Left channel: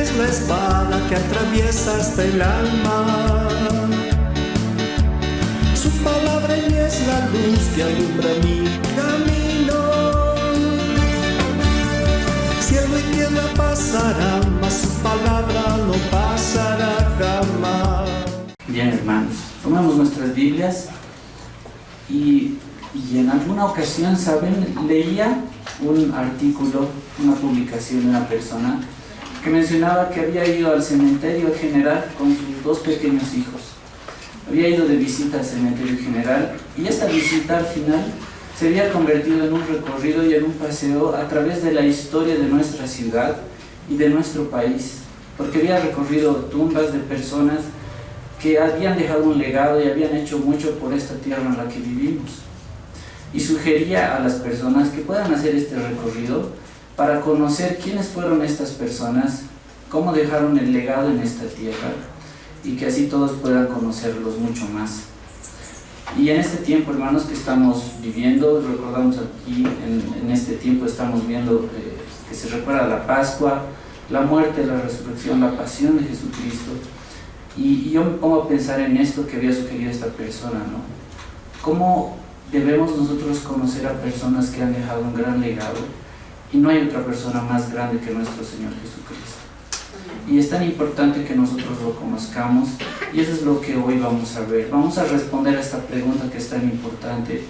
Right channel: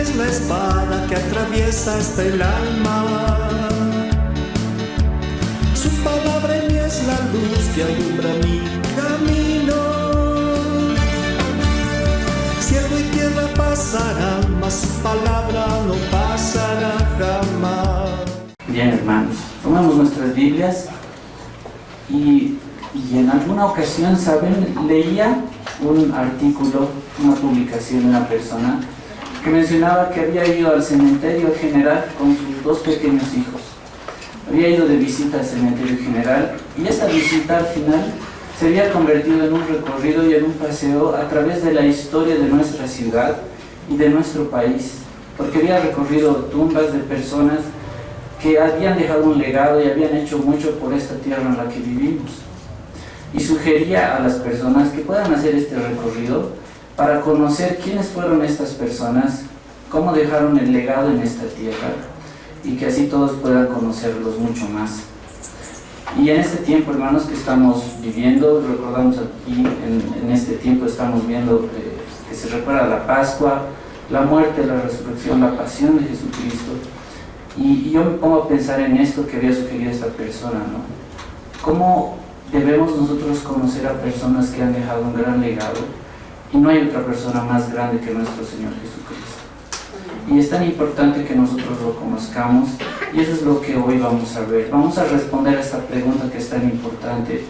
es la espada que atraviesa hasta el alma. Su palabra en mí es la luz que alumbra mi camino. Cielo y tierra pasarán, mas su palabra no pasará jamás. Bien, hermanos, tomamos nuestras Biblias y en alguna ocasión, ¿saben? Leía un artículo, una publicación de una persona que mencionaba que había ido al cementerio general con sus 2 pequeños hijos. Había ido de visita al cementerio general y esta visita al final se había convertido en un recorrido y en un paseo a través de la historia de nuestra ciudad y de nuestro país, porque había recorrido tumbas de personas que habían dejado un legado y habían hecho mucho por esta tierra en la que vivimos. Y sugería a las personas que puedan hacer este recorrido para conocer quiénes fueron estas personas, cómo dejaron el legado en esta tierra y que así todos puedan conocerlos mucho más. Y en este tiempo, hermanos, que estamos viviendo, recordamos aquí, en este tiempo estamos viendo que se recuerda la Pascua, la muerte, la resurrección, la pasión de Jesucristo. Y yo me pongo a pensar en esto que había sugerido esta persona, ¿no? ¿Cómo debemos nosotros conocer a personas que han dejado un gran legado? Y no hay otra persona más grande que nuestro Señor Jesucristo. Y es tan importante que nosotros lo conozcamos, y eso es lo que hoy vamos a ver. Vamos a responder a esta pregunta que es tan importante.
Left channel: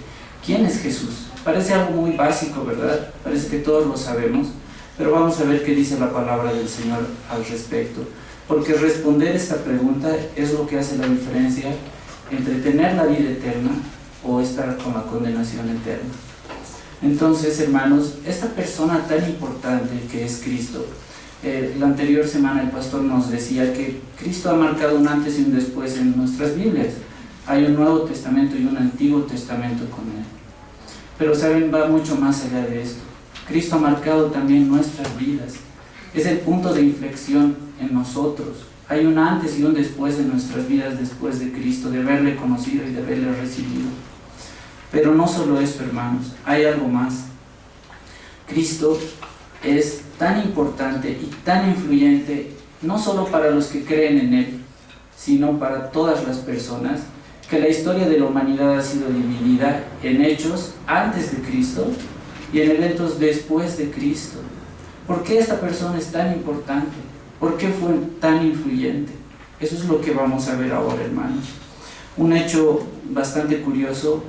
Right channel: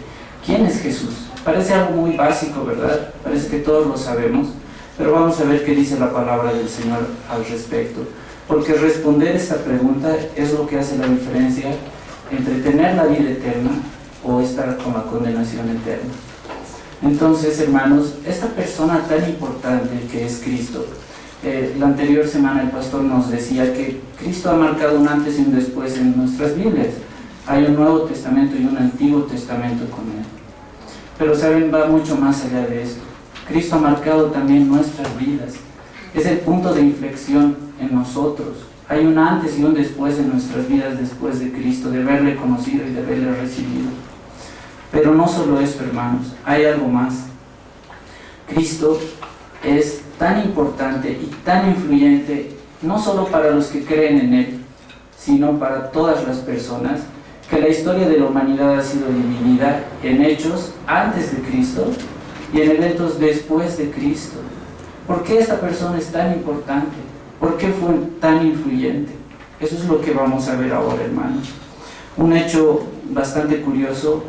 ¿Quién es Jesús? Parece algo muy básico, ¿verdad? Parece que todos lo sabemos, pero vamos a ver qué dice la palabra del Señor al respecto. Porque responder esta pregunta es lo que hace la diferencia entre tener la vida eterna o estar con la condenación eterna. Entonces, hermanos, esta persona tan importante que es Cristo, la anterior semana el pastor nos decía que Cristo ha marcado un antes y un después en nuestras Biblias. Hay un Nuevo Testamento y un Antiguo Testamento con él. Pero saben, va mucho más allá de esto. Cristo ha marcado también nuestras vidas. Es el punto de inflexión en nosotros. Hay un antes y un después en nuestras vidas después de Cristo, de haberle conocido y de haberle recibido. Pero no solo eso, hermanos, hay algo más. Cristo es tan importante y tan influyente, no solo para los que creen en Él, sino para todas las personas, que la historia de la humanidad ha sido dividida en hechos antes de Cristo y en eventos después de Cristo. ¿Por qué esta persona es tan importante? ¿Por qué fue tan influyente? Eso es lo que vamos a ver ahora, hermanos. Un hecho bastante curioso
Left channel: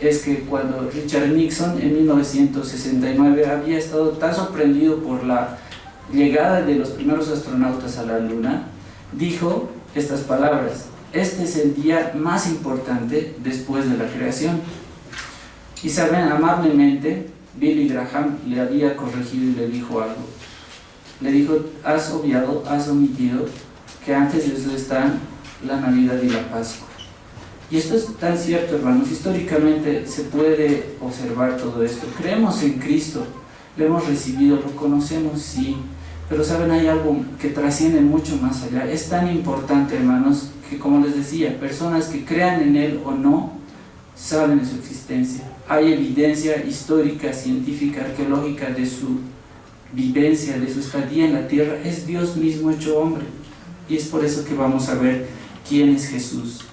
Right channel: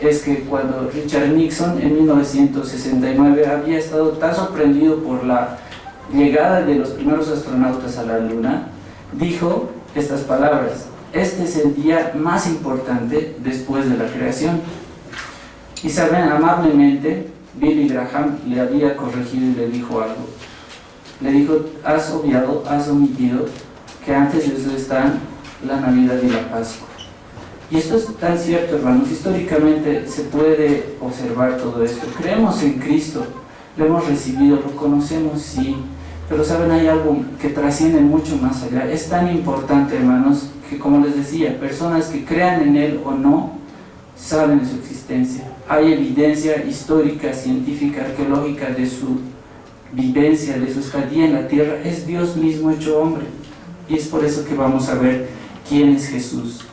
es que cuando Richard Nixon en 1969 había estado tan sorprendido por la llegada de los primeros astronautas a la Luna, dijo estas palabras: este es el día más importante después de la creación. Y saben, amablemente Billy Graham le había corregido y le dijo algo. Le dijo: has obviado, has omitido que antes de eso están la Navidad y la Pascua. Y esto es tan cierto, hermanos. Históricamente se puede observar todo esto. Creemos en Cristo, lo hemos recibido, lo conocemos, sí, pero saben, hay algo que trasciende mucho más allá. Es tan importante, hermanos, que, como les decía, personas que crean en Él o no, saben de su existencia. Hay evidencia histórica, científica, arqueológica de su vivencia, de su estadía en la tierra. Es Dios mismo hecho hombre, y es por eso que vamos a ver quién es Jesús.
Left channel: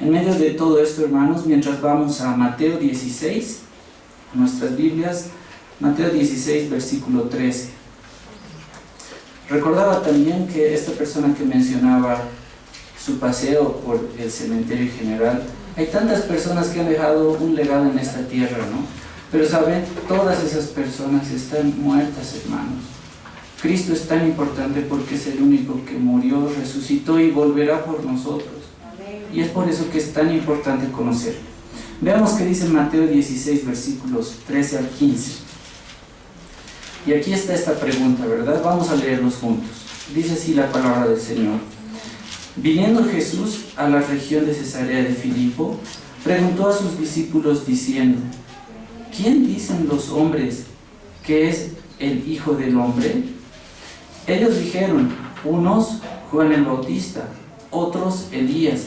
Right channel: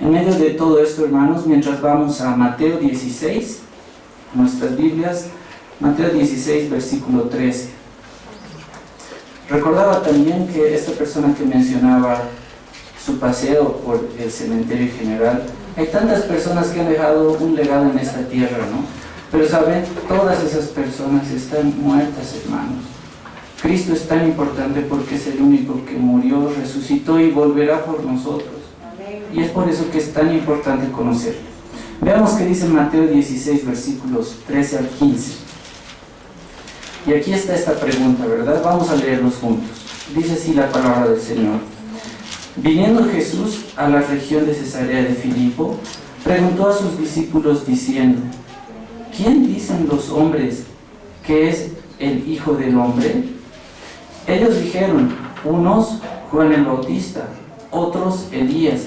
En medio de todo esto, hermanos, mientras vamos a Mateo 16, nuestras Biblias, Mateo 16, versículo 13. Recordaba también que esta persona que mencionaba su paseo por el cementerio general, hay tantas personas que han dejado un legado en esta tierra, ¿no? Pero saben, todas esas personas están muertas, hermanos. Cristo es tan importante porque es el único que murió, resucitó y volverá por nosotros. Y es por eso que es tan importante conocerlo. Veamos qué dice Mateo 16, versículos 13 al 15. Y aquí está esta pregunta, ¿verdad? Vamos a leerlos juntos. Dice así la palabra del Señor. Viniendo Jesús a la región de Cesarea de Filipo, preguntó a sus discípulos diciendo: ¿quién dicen los hombres que es el Hijo del Hombre? Ellos dijeron: unos Juan el Bautista, otros Elías,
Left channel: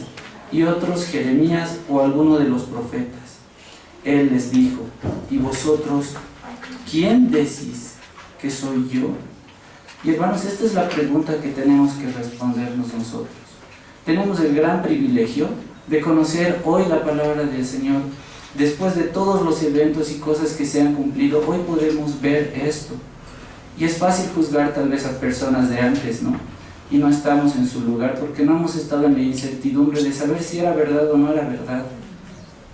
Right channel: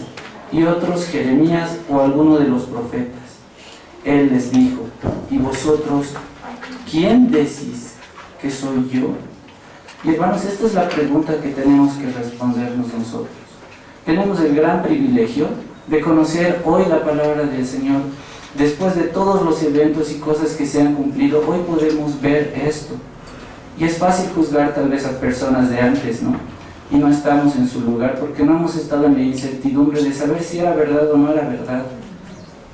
y otros Jeremías o alguno de los profetas. Él les dijo: ¿y vosotros quién decís que soy yo? Y hermanos, esta es la pregunta que tenemos que respondernos nosotros. Tenemos el gran privilegio de conocer hoy la palabra del Señor. Después de todos los eventos y cosas que se han cumplido, hoy podemos ver esto. Y es fácil juzgar tal vez a personas de antes, ¿no? Y no estamos en su lugar porque no hemos estado en la incertidumbre de saber si era verdad o no era verdad.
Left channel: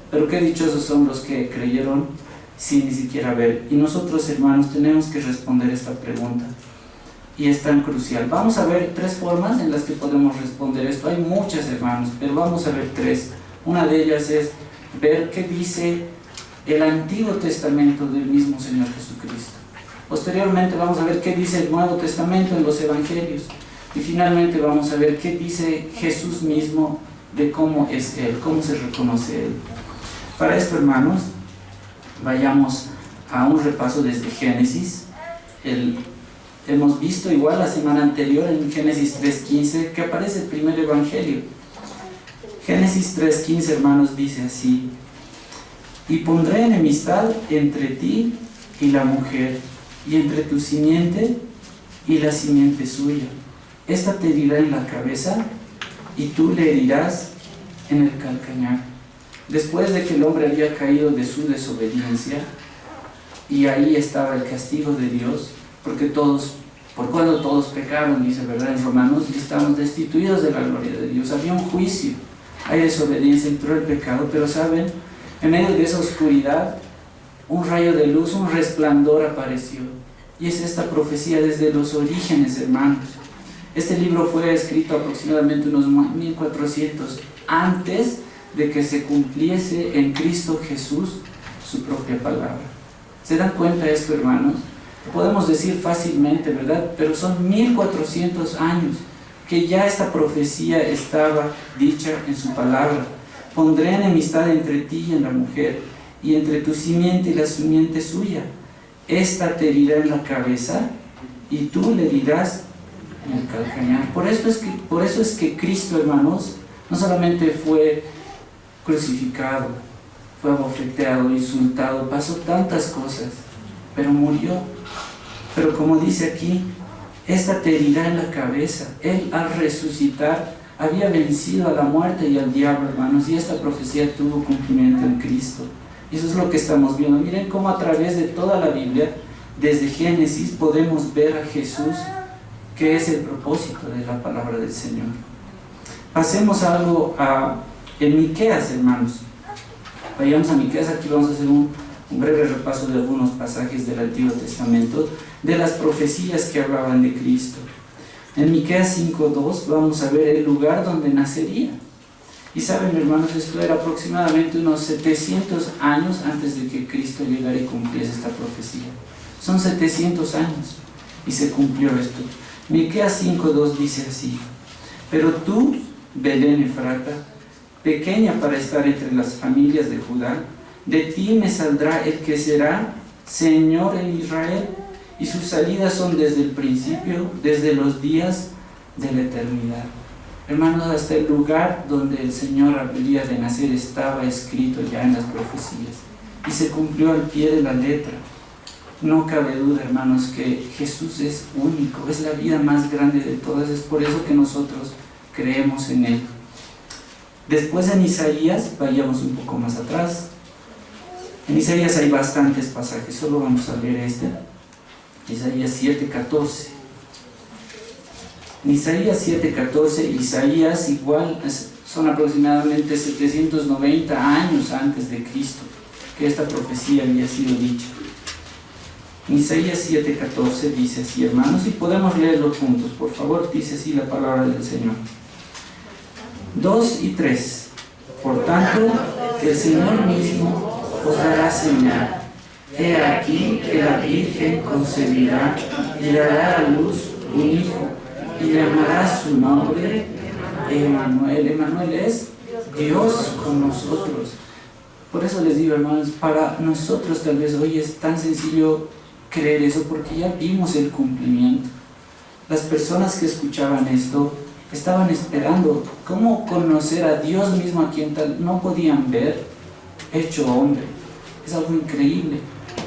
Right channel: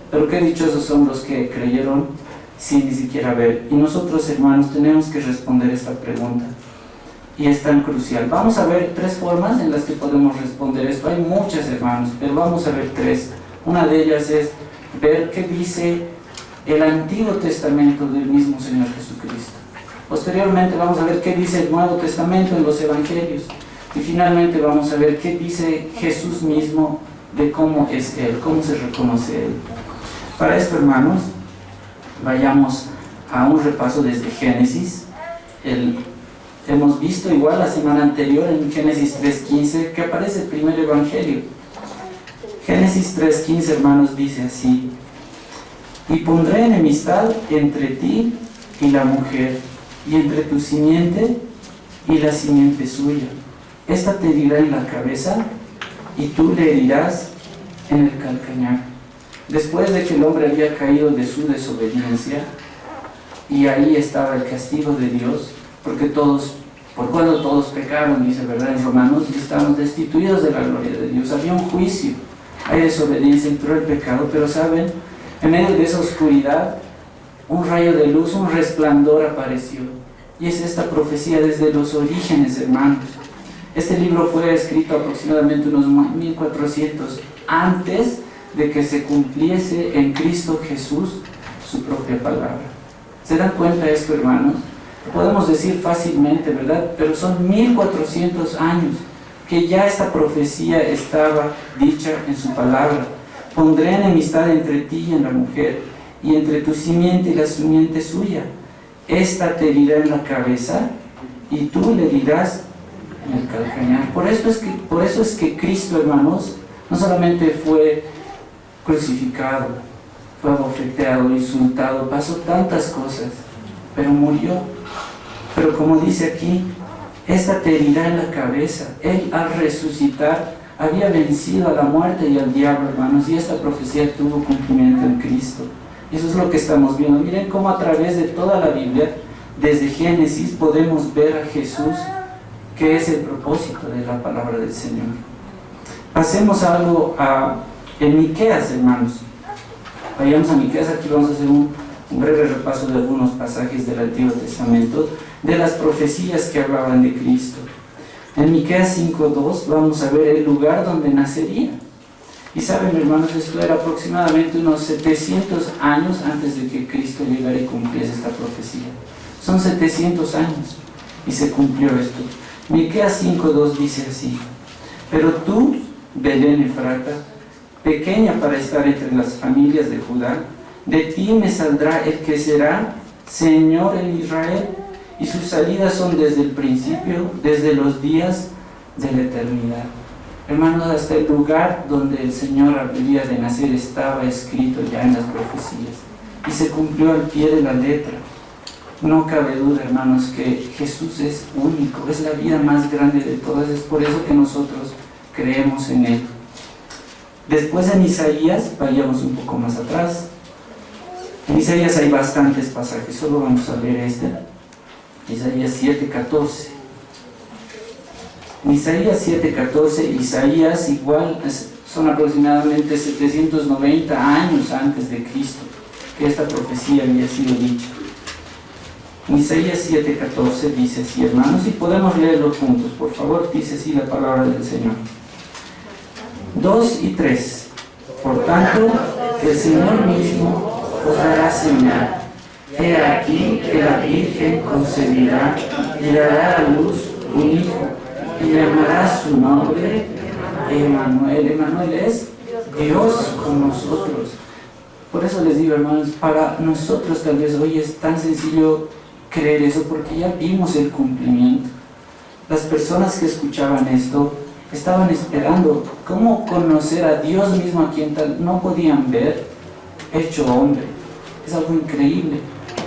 Pero qué dichosos son los que creyeron sin ni siquiera ver. Y nosotros, hermanos, tenemos que responder esta pregunta. Y es tan crucial. Vamos a ver 3 formas en las que podemos responder esto. Hay muchas, hermanos, pero vamos a ver 3. Una de ellas es ver qué dice el Antiguo Testamento del mismo Señor Jesucristo. Posteriormente vamos a ver qué dice el Nuevo Testamento en los Evangelios. Y finalmente vamos a ver qué dice Jesús mismo de cómo es Él, cómo se reconoce Él. Para esto, hermanos, vayamos a un repaso desde Génesis. Hemos visto igual la semana anterior en Génesis 3:15 que aparece el primer evangelio. Génesis 3:15, hermanos, dice así: y pondré enemistad entre ti y la mujer, y entre tu simiente y la simiente suya. Esta te herirá en la cabeza, y tú le herirás en el calcañar. Después de que el hombre había caído de su desobediencia, y ahí estaba el castigo de Dios, por cuando todos pecaron, dice, ¿verdad? En Romanos, y estamos destituidos de la gloria de Dios. Había un juicio, hay desobediencia, entró el pecado, pero ¿saben? En medio de esa oscuridad, un rayo de luz, un resplandor apareció. Y es esta profecía desde los orígenes, hermanos. Este libro fue escrito aproximadamente unos 1400 antes de que se cumpliese en Cristo Jesús su propia palabra. ¿Se dan cuenta de esto, hermanos? Podemos decir fácilmente, ¿verdad? Pero son 1400 años que ya esta profecía estaba dicha en su palabra. Pondré enemistad entre ti y la mujer, y entre tu simiente y la simiente suya. Esta te herirá en la cabeza, y tú le herirás en el calcañar. Por eso es que Cristo, hermanos, no solamente fue crucificado, fue abofeteado, insultado, pasó tantas cosas, pero murió. Pero como dice aquí, esta te herirá en la cabeza. Él, al resucitar, había vencido a la muerte y al diablo, hermanos, y esta profecía tuvo cumplimiento en Cristo. Y eso es lo que estamos viendo. Miren cómo a través de toda la Biblia, desde Génesis, podemos ver a Jesús, que es el propósito de la palabra del Señor. Pasemos en Miqueas, hermanos. Vayamos a Miqueas. Aquí vamos a hacer un breve repaso de algunos pasajes del Antiguo Testamento, de las profecías que hablaban de Cristo. En Miqueas 5:2 vamos a ver el lugar donde nacería. Y saben, hermanos, esto era aproximadamente unos 700 años antes de que Cristo llegara y cumpliese esta profecía. Son 700 años y se cumplió esto. Miqueas 5:2 dice así: pero tú, Belén Efrata, pequeña para estar entre las familias de Judá, de ti me saldrá el que será Señor en Israel, y sus salidas son desde el principio, desde los días de la eternidad. Hermanos, hasta el lugar donde el Señor habría de nacer estaba escrito ya en las profecías, y se cumplió al pie de la letra. No cabe duda, hermanos, que Jesús es único, es la vida más grande de todas. Es por eso que nosotros creemos en Él. Después en Isaías, vayamos un poco más atrás. En Isaías hay bastantes pasajes, solo vamos a leer este. Isaías 7:14. En Isaías 7:14, Isaías igual son aproximadamente 790 años antes de Cristo que esta profecía había sido dicha. En Isaías 7:14 dice así, hermanos, y podemos leerlo juntos, por favor. Dice así la palabra del Señor. 2 y 3. Por tanto, el Señor mismo os dará señal. He aquí que la Virgen concebirá y dará a luz un hijo, y llamará su nombre Emmanuel. Emmanuel es Dios con nosotros. Por eso les digo, hermanos, para nosotros tal vez hoy es tan sencillo creer eso, porque ya vimos el cumplimiento. Las personas que escuchaban esto estaban esperando cómo conocer a Dios mismo, a quien tal no podían ver, hecho hombre. Es algo increíble.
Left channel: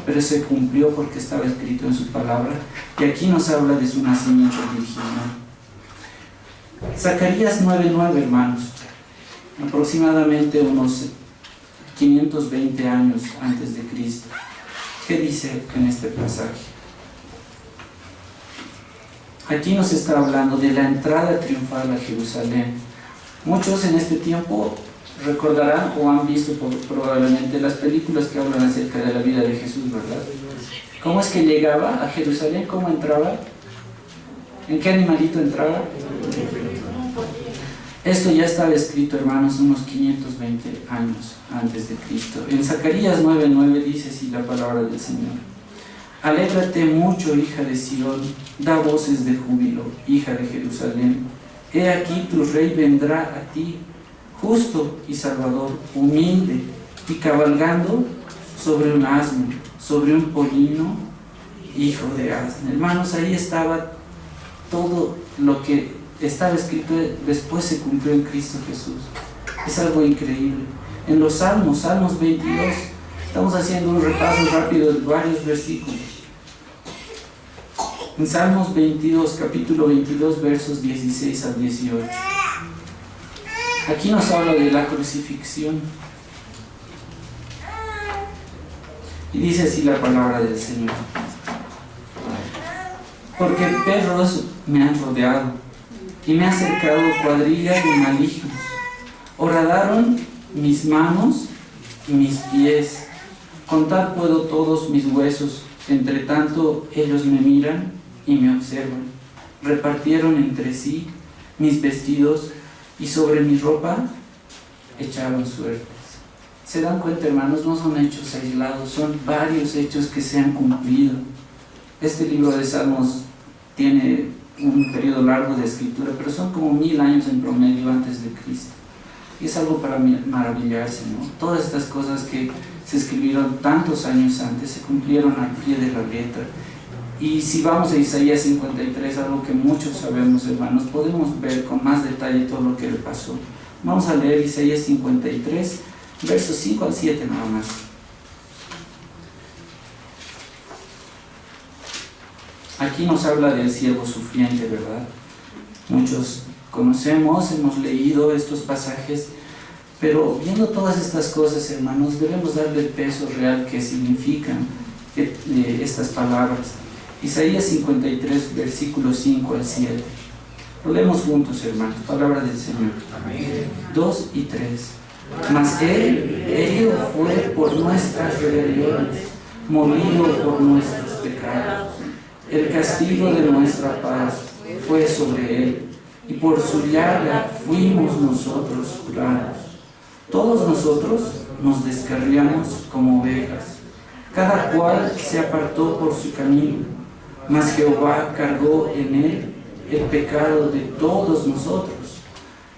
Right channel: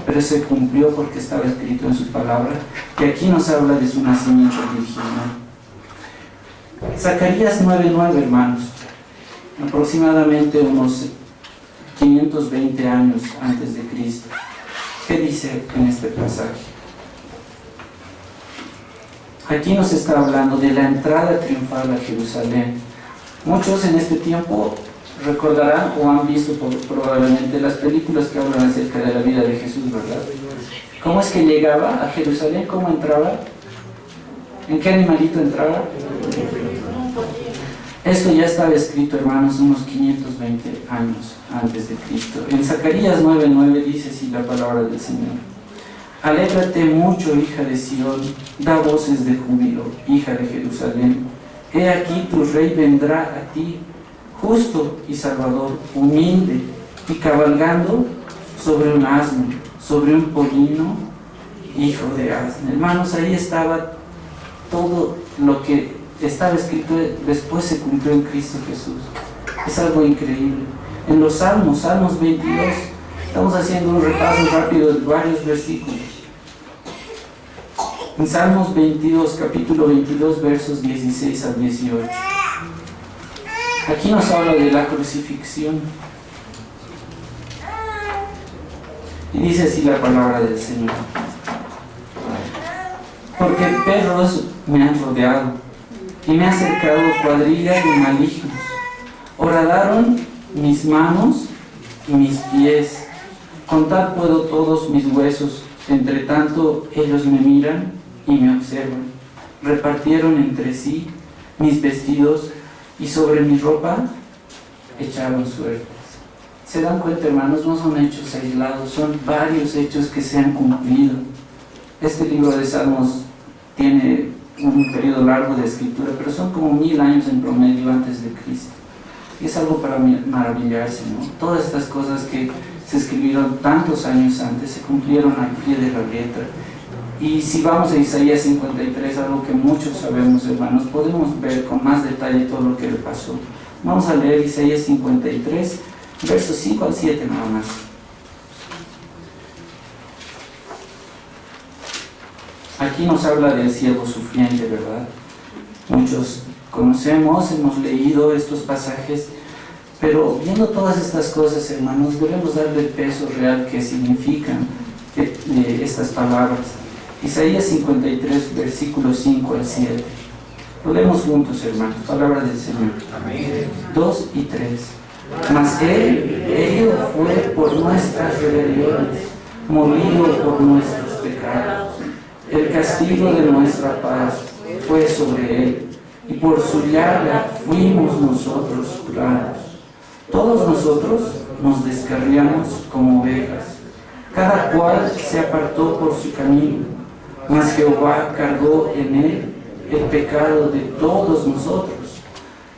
pero se cumplió porque estaba escrito en su palabra, y aquí nos habla de su nacimiento virginal. Zacarías 9:9, hermanos, aproximadamente unos 520 años antes de Cristo. ¿Qué dice en este pasaje? Aquí nos está hablando de la entrada triunfal a Jerusalén. Muchos en este tiempo recordarán o han visto probablemente las películas que hablan acerca de la vida de Jesús, ¿verdad? ¿Cómo es que llegaba a Jerusalén? ¿Cómo entraba? ¿En qué animalito entraba? Esto ya estaba escrito, hermanos, unos 520 años antes de Cristo. En Zacarías 9:9 dice así la palabra del Señor: alégrate mucho, hija de Sión, da voces de júbilo, hija de Jerusalén. He aquí tu rey vendrá a ti, justo y salvador, humilde y cabalgando sobre un asno, sobre un pollino, hijo de asno. Hermanos, ahí estaba todo lo que estaba escrito, después se cumplió en Cristo Jesús. Es algo increíble. En los Salmos 22, estamos haciendo un repaso rápido de varios versículos. En Salmos 22, capítulo 22, versos 16 al 18. Aquí nos habla de la crucifixión. Y dice así la palabra del Señor: porque perros me han rodeado y me ha cercado cuadrilla de malignos. Horadaron mis manos y mis pies. Contar puedo todos mis huesos. Entre tanto ellos me miran y me observan. Repartieron entre sí mis vestidos y sobre mi ropa echaron suertes. ¿Se dan cuenta, hermanos? No son hechos aislados, son varios hechos que se han cumplido. Este libro de Salmos tiene un periodo largo de escritura, pero son como 1000 años en promedio antes de Cristo. Y es algo para maravillarse, ¿no? Todas estas cosas que se escribieron tantos años antes se cumplieron al pie de la letra. Y si vamos a Isaías 53, algo que muchos sabemos, hermanos, podemos ver con más detalle todo lo que le pasó. Vamos a leer Isaías 53, versos 5 al 7 nada más. Aquí nos habla del siervo sufriente, ¿verdad? Muchos conocemos, hemos leído estos pasajes, pero viendo todas estas cosas, hermanos, debemos darle el peso real que significan estas palabras. Isaías 53, versículos 5 al 7. Lo leemos juntos, hermanos. Palabra del Señor. Amén. 2 y 3. Mas Él herido fue por nuestras rebeliones, molido por nuestros pecados. El castigo de nuestra paz fue sobre Él, y por su llaga fuimos nosotros curados. Todos nosotros nos descarriamos como ovejas, cada cual se apartó por su camino, mas Jehová cargó en Él el pecado de todos nosotros.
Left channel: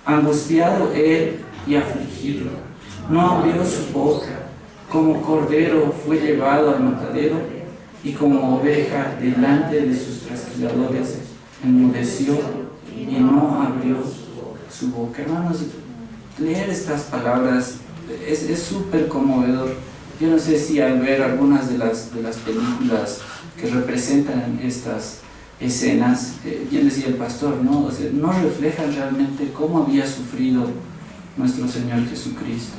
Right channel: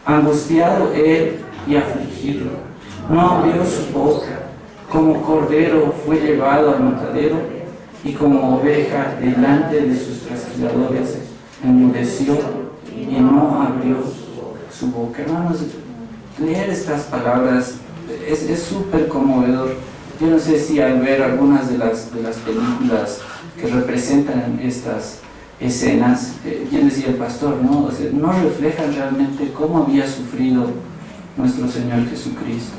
Angustiado Él y afligido, no abrió su boca. Como cordero fue llevado al matadero, y como oveja delante de sus trasquiladores enmudeció y no abrió su boca. Hermanos, leer estas palabras es súper conmovedor. Yo no sé si al ver algunas de las películas que representan estas escenas, bien decía el pastor, ¿no? O sea, no reflejan realmente cómo había sufrido nuestro Señor Jesucristo.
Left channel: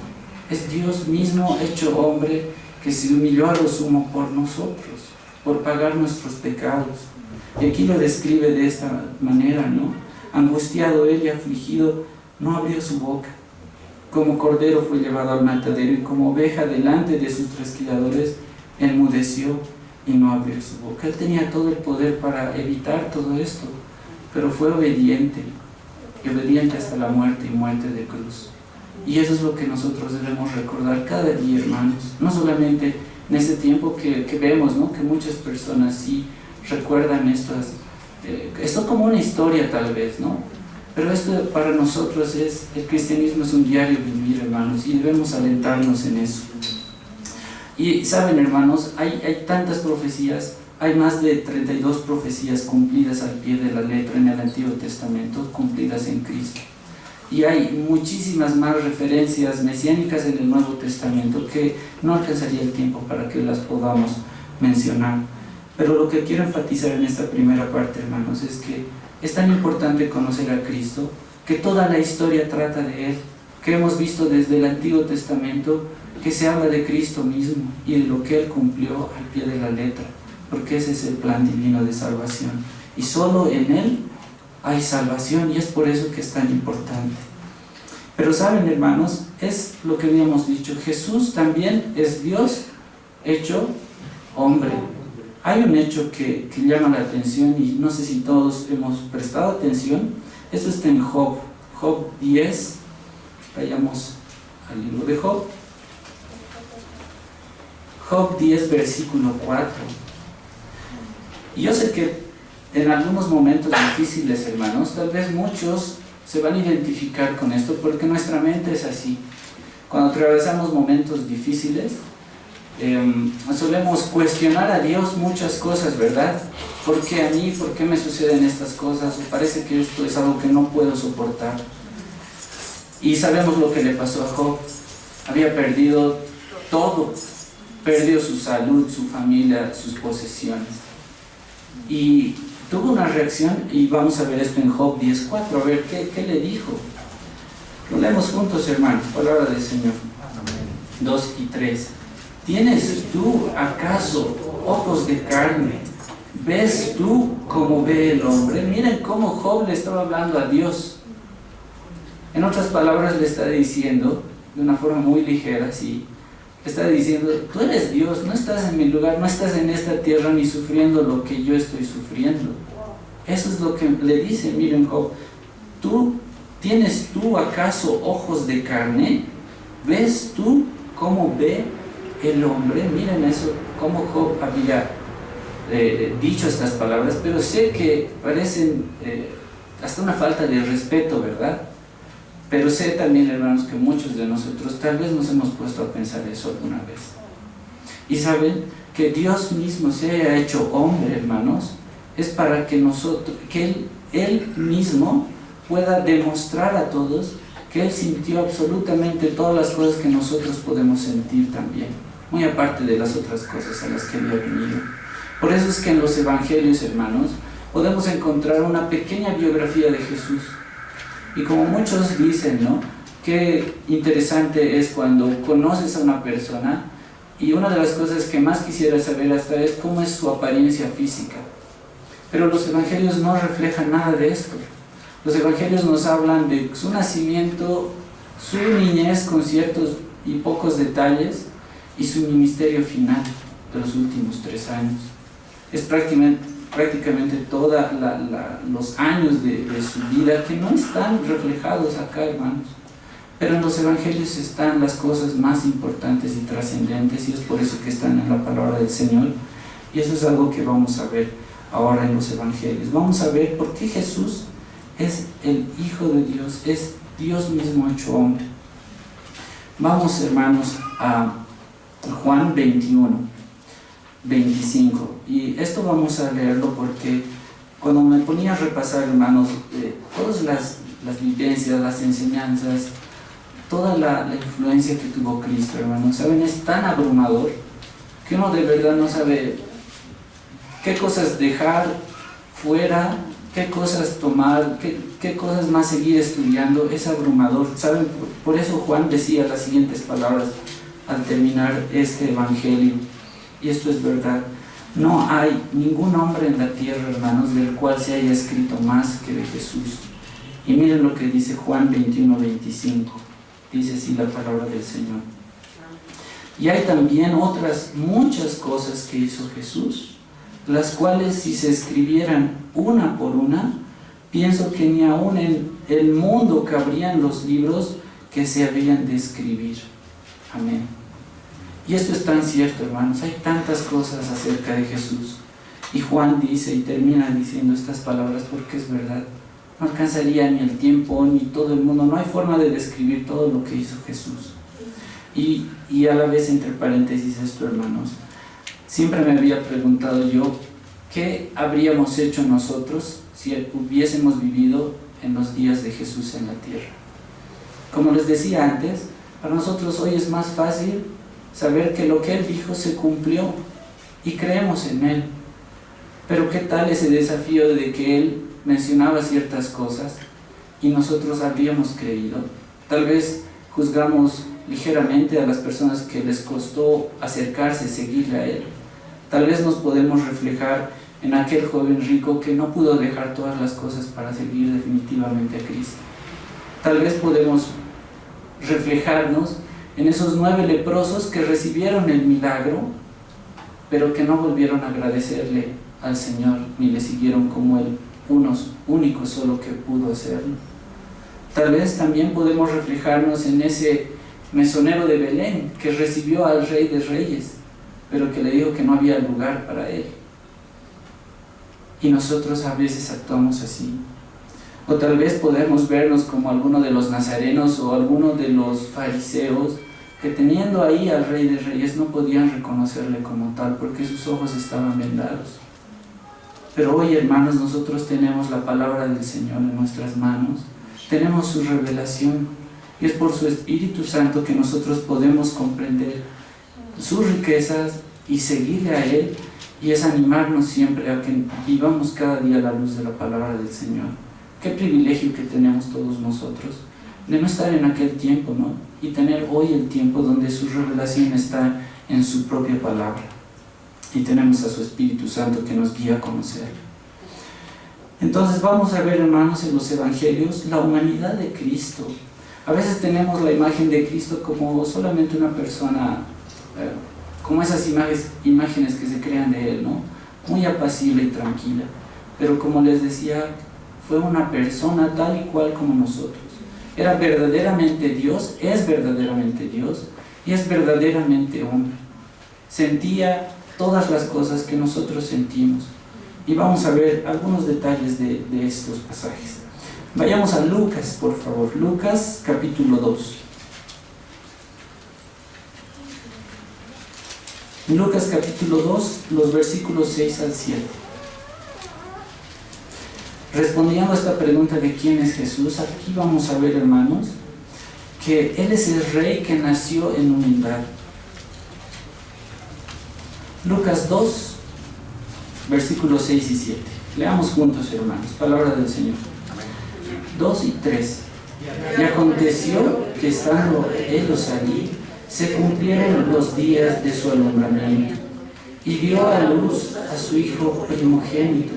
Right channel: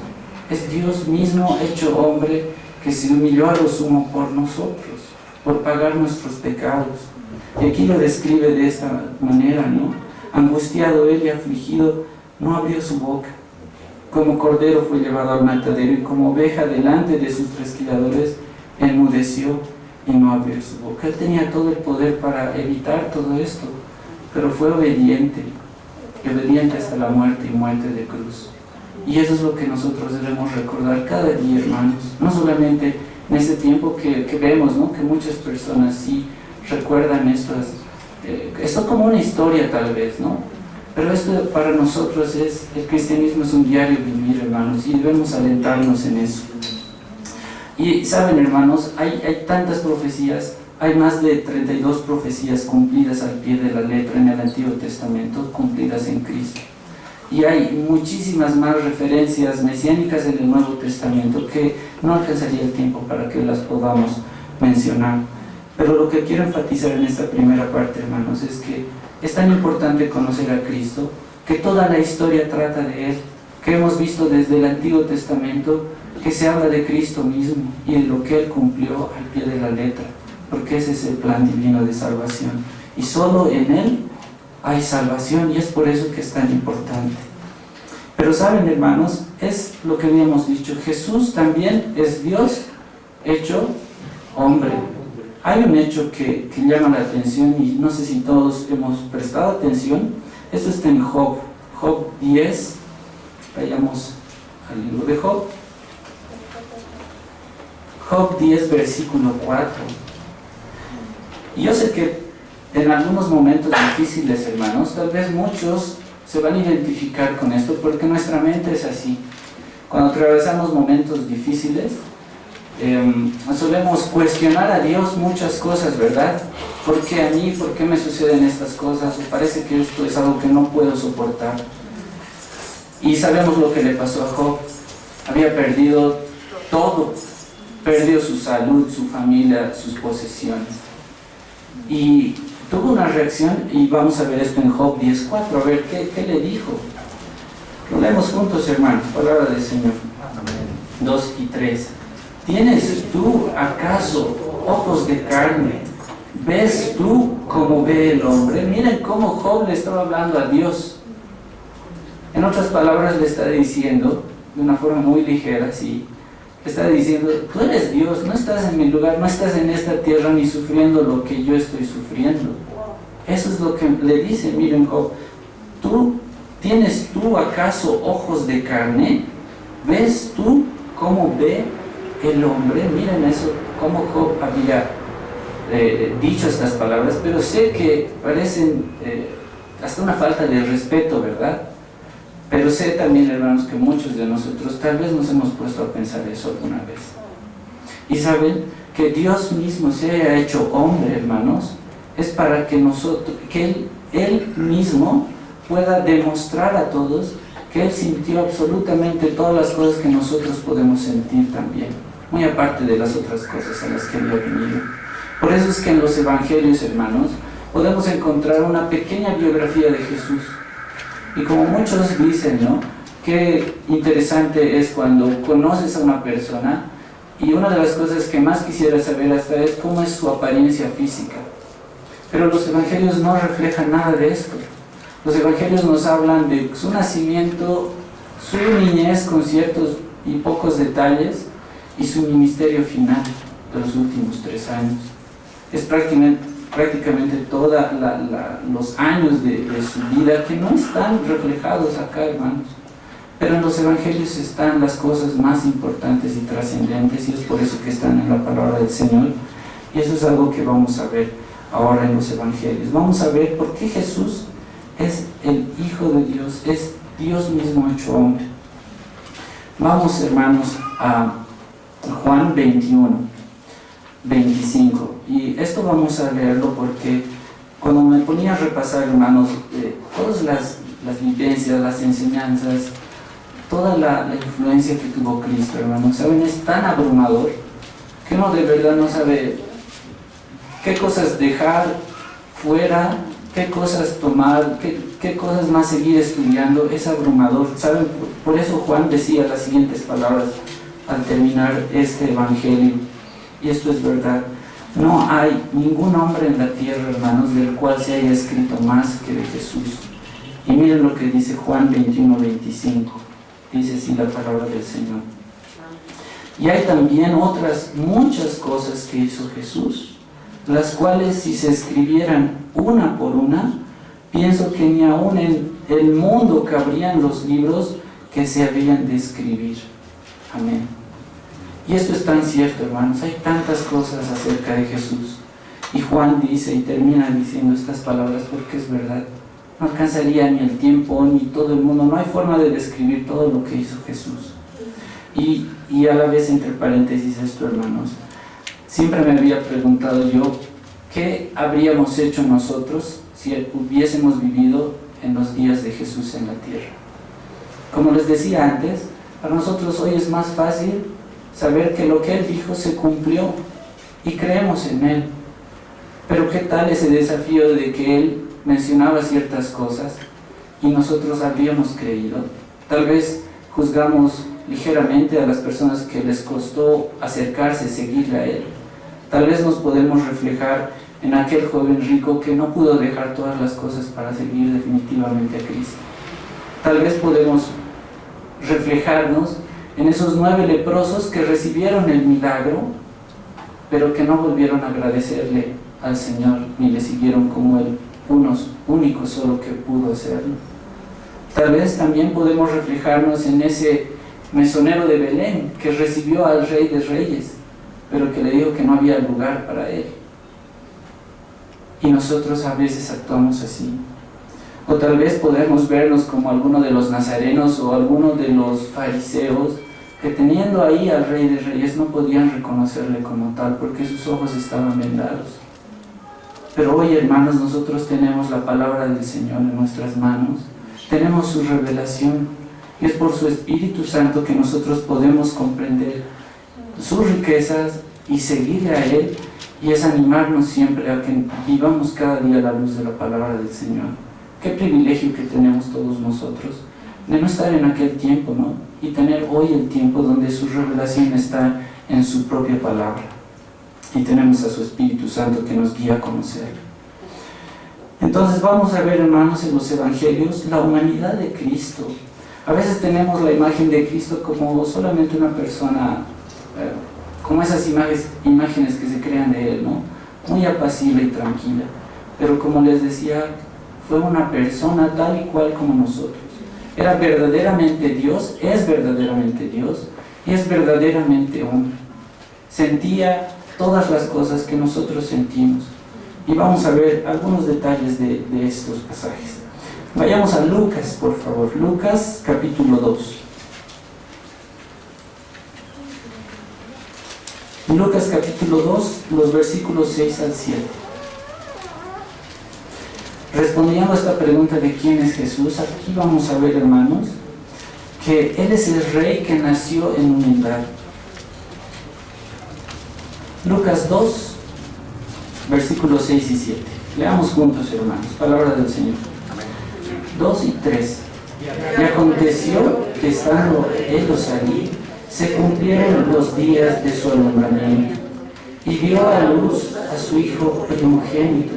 Es Dios mismo hecho hombre que se humilló a lo sumo por nosotros, por pagar nuestros pecados. Y aquí lo describe de esta manera, ¿no? Angustiado Él y afligido, no abrió su boca. Como cordero fue llevado al matadero, y como oveja delante de sus trasquiladores enmudeció y no abrió su boca. Él tenía todo el poder para evitar todo esto, pero fue obediente hasta la muerte y muerte de cruz. Y eso es lo que nosotros debemos recordar cada día, hermanos. No solamente en este tiempo que vemos, ¿no? Que muchas personas sí recuerdan esto como una historia tal vez, ¿no? Pero esto para nosotros el cristianismo es un diario vivir, hermanos, y debemos alentarnos en eso. Y saben, hermanos, hay tantas profecías, hay más de 32 profecías cumplidas al pie de la letra en el Antiguo Testamento, cumplidas en Cristo. Y hay muchísimas más referencias mesiánicas en el Nuevo Testamento que no alcanzaría el tiempo para que las podamos mencionar. Pero lo que quiero enfatizar en esta primera parte, hermanos, es que es tan importante conocer a Cristo, que toda la historia trata de Él, que hemos visto desde el Antiguo Testamento que se habla de Cristo mismo y de lo que Él cumplió al pie de la letra, porque ese es el plan divino de salvación. Y solo en Él hay salvación, y es por eso que es tan importante. Pero saben, hermanos, es lo que habíamos dicho, Jesús también es Dios hecho hombre. Hay un hecho que llama la atención, y no sé si todos hemos prestado atención. Esto está en Job 10. Vayamos al libro de Job. Job 10, versículo 4. Y yo sé que en algunos momentos difíciles, hermanos, tal vez muchos se van a identificar con esto, porque nuestra mente es así. Cuando atravesamos momentos difíciles, solemos cuestionar a Dios muchas cosas, ¿verdad? ¿Por qué a mí? ¿Por qué me suceden estas cosas? O parece que esto es algo que no puedo soportar. Y sabemos lo que le pasó a Job. Había perdido todo. Perdió su salud, su familia, sus posesiones. Y tuvo una reacción, y vamos a ver esto en Job 10:4, a ver qué le dijo. Lo leemos juntos, hermanos, palabra del Señor. 2 y 3. ¿Tienes tú acaso ojos de carne? ¿Ves tú cómo ve el hombre? Miren cómo Job le estaba hablando a Dios. En otras palabras, le está diciendo, de una forma muy ligera, sí, le está diciendo, tú eres Dios, no estás en mi lugar, no estás en esta tierra ni sufriendo lo que yo estoy sufriendo. Eso es lo que le dice. Miren, Job, ¿tienes tú acaso ojos de carne? ¿Ves tú cómo ve el hombre? Miren eso, cómo Job había dicho estas palabras, pero sé que parecen hasta una falta de respeto, ¿verdad? Pero sé también, hermanos, que muchos de nosotros tal vez nos hemos puesto a pensar eso alguna vez. Y saben que Dios mismo se haya hecho hombre, hermanos, es para que Él mismo pueda demostrar a todos que Él sintió absolutamente todas las cosas que nosotros podemos sentir también, muy aparte de las otras cosas a las que había venido. Por eso es que en los evangelios, hermanos, podemos encontrar una pequeña biografía de Jesús. Y como muchos dicen, ¿no?, qué interesante es cuando conoces a una persona, y una de las cosas que más quisiera saber hasta es cómo es su apariencia física. Pero los evangelios no reflejan nada de esto. Los evangelios nos hablan de su nacimiento, su niñez con ciertos y pocos detalles, y su ministerio final de los últimos 3 años. Es prácticamente todos los años de su vida que no están reflejados acá, hermanos. Pero en los evangelios están las cosas más importantes y trascendentes, y es por eso que están en la palabra del Señor. Y eso es algo que vamos a ver ahora en los evangelios. Vamos a ver por qué Jesús es el Hijo de Dios, es Dios mismo hecho hombre. Vamos, hermanos, a Juan 21:25. Y esto vamos a leerlo porque cuando me ponía a repasar, hermanos, todas las vivencias, las enseñanzas, toda la influencia que tuvo Cristo, hermanos, ¿saben? Es tan abrumador que uno de verdad no sabe qué cosas dejar fuera, qué cosas tomar, qué cosas más seguir estudiando. Es abrumador, ¿saben? Por eso Juan decía las siguientes palabras al terminar este evangelio, y esto es verdad: no hay ningún hombre en la tierra, hermanos, del cual se haya escrito más que de Jesús. Y miren lo que dice Juan 21:25. Dice así la palabra del Señor: y hay también otras muchas cosas que hizo Jesús, las cuales si se escribieran una por una, pienso que ni aún en el mundo cabrían los libros que se habían de escribir. Amén. Y esto es tan cierto, hermanos. Hay tantas cosas acerca de Jesús. Y Juan dice y termina diciendo estas palabras porque es verdad. No alcanzaría ni el tiempo ni todo el mundo. No hay forma de describir todo lo que hizo Jesús. Y a la vez, entre paréntesis, esto, hermanos, siempre me había preguntado yo, ¿qué habríamos hecho nosotros si hubiésemos vivido en los días de Jesús en la tierra? Como les decía antes, para nosotros hoy es más fácil saber que lo que Él dijo se cumplió. y creemos en Él. Pero ¿qué tal ese desafío de que Él mencionaba ciertas cosas y nosotros habíamos creído? Tal vez juzgamos ligeramente a las personas que les costó acercarse, seguirle a Él. Tal vez nos podemos reflejar en aquel joven rico que no pudo dejar todas las cosas para seguir definitivamente a Cristo. Tal vez podemos reflejarnos en esos 9 leprosos que recibieron el milagro, pero que no volvieron a agradecerle al Señor, ni le siguieron como el único solo que pudo hacerlo. Tal vez también podemos reflejarnos en ese mesonero de Belén que recibió al Rey de Reyes, pero que le dijo que no había lugar para él. Y nosotros a veces actuamos así. O tal vez podemos vernos como alguno de los nazarenos o alguno de los fariseos que teniendo ahí al Rey de Reyes no podían reconocerle como tal porque sus ojos estaban vendados. Pero hoy, hermanos, nosotros tenemos la palabra del Señor en nuestras manos, tenemos su revelación y es por su Espíritu Santo que nosotros podemos comprender sus riquezas y seguirle a Él, y es animarnos siempre a que vivamos cada día a la luz de la palabra del Señor. Qué privilegio que tenemos todos nosotros de no estar en aquel tiempo, ¿no? Y tener hoy el tiempo donde su revelación está en su propia palabra. Y tenemos a su Espíritu Santo que nos guía a conocerlo. Entonces vamos a ver, hermanos, en los evangelios la humanidad de Cristo. A veces tenemos la imagen de Cristo como solamente una persona, como esas imágenes que se crean de Él, ¿no? Muy apacible y tranquila. Pero como les decía, fue una persona tal y cual como nosotros. Era verdaderamente Dios, es verdaderamente Dios y es verdaderamente hombre. Sentía todas las cosas que nosotros sentimos. Y vamos a ver algunos detalles de estos pasajes. Vayamos a Lucas, por favor. Lucas, capítulo 2. Lucas, capítulo 2, los versículos 6 al 7. Respondiendo a esta pregunta de quién es Jesús, aquí vamos a ver, hermanos, que Él es el Rey que nació en humildad. Lucas 2, versículos 6 y 7. Leamos juntos, hermanos, palabra del Señor. 2 y 3. Y aconteció que estando ellos allí, se cumplieron los días de su alumbramiento, y dio a luz a su hijo primogénito,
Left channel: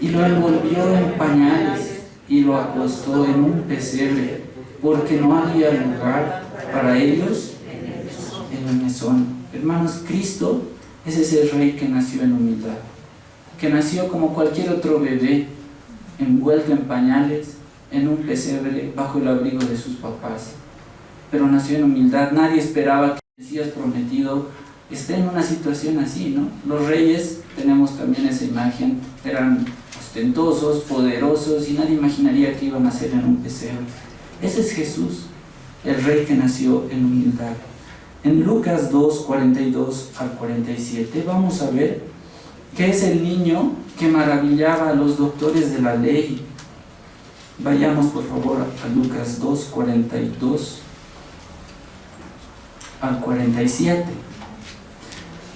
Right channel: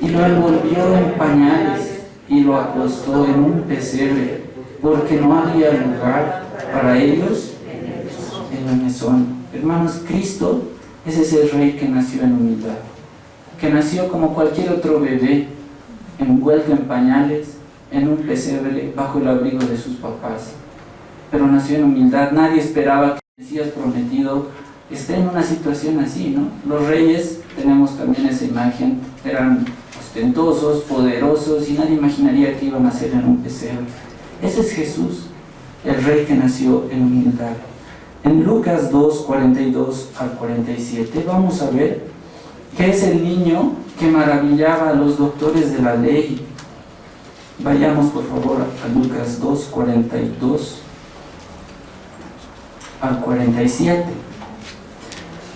y lo envolvió en pañales, y lo acostó en un pesebre, porque no había lugar para ellos en el mesón. Hermanos, Cristo es ese Rey que nació en humildad, que nació como cualquier otro bebé, envuelto en pañales, en un pesebre, bajo el abrigo de sus papás. Pero nació en humildad. Nadie esperaba que el Mesías prometido esté en una situación así, ¿no? Los reyes, tenemos también esa imagen, eran ostentosos, poderosos, y nadie imaginaría que iban a nacer en un pesebre. Ese es Jesús, el Rey que nació en humildad. En Lucas 2, 42 al 47, vamos a ver que es el niño que maravillaba a los doctores de la ley. Vayamos, por favor, a Lucas 2, 42 al 47.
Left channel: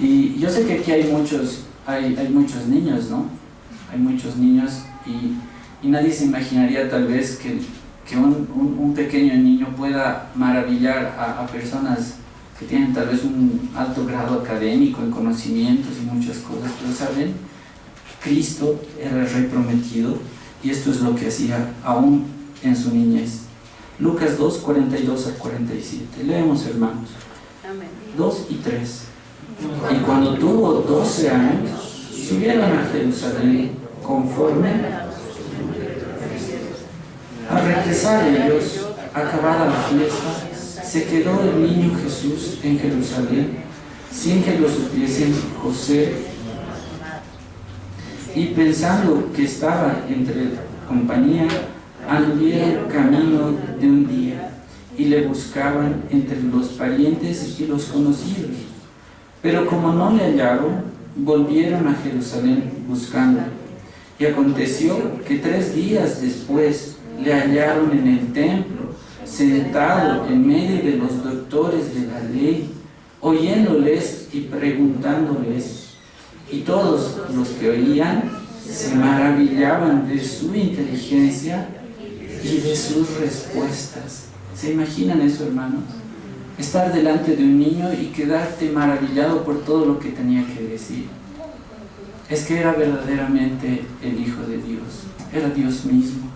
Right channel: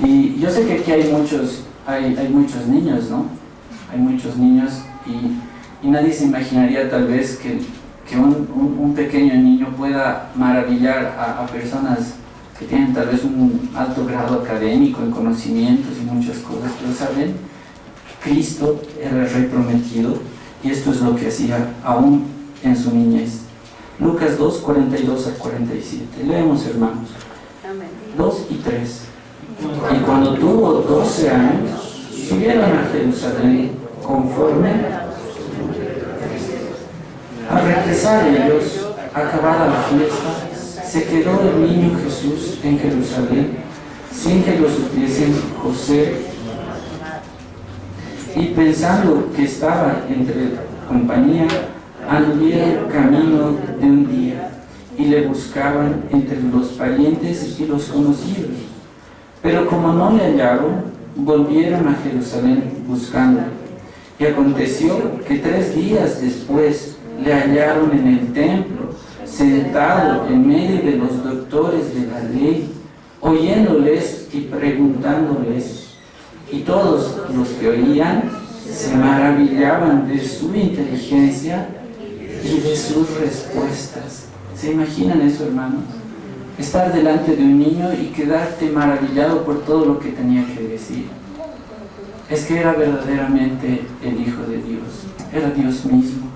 Y yo sé que aquí hay muchos niños, ¿no? Hay muchos niños y nadie se imaginaría tal vez que un pequeño niño pueda maravillar a personas que tienen tal vez un alto grado académico en conocimientos y muchas cosas, pero saben, Cristo era el Rey prometido y esto es lo que hacía aún en su niñez. Lucas 2, 42 al 47. Leemos, hermanos. 2 y 3. Y cuando tuvo 12 años, subieron a Jerusalén conforme al regresar ellos, acabada la fiesta, se quedó el niño Jesús en Jerusalén, sin que lo supiesen José, y pensando que estaba entre compañía, anduvieron camino de un día, y le buscaban entre los parientes y los conocidos. Pero como no le hallaron, volvieron a Jerusalén buscándole. Y aconteció que 3 días después le hallaron en el templo, sentado en medio de los doctores de la ley, oyéndoles y preguntándoles. y todos los que oían se maravillaban de su inteligencia y de sus respuestas. ¿Se imaginan eso, hermanos? Estar delante de un niño y quedarte maravillado por todo lo que tenía que decir. Es que era verdaderamente el Hijo de Dios, era Dios mismo.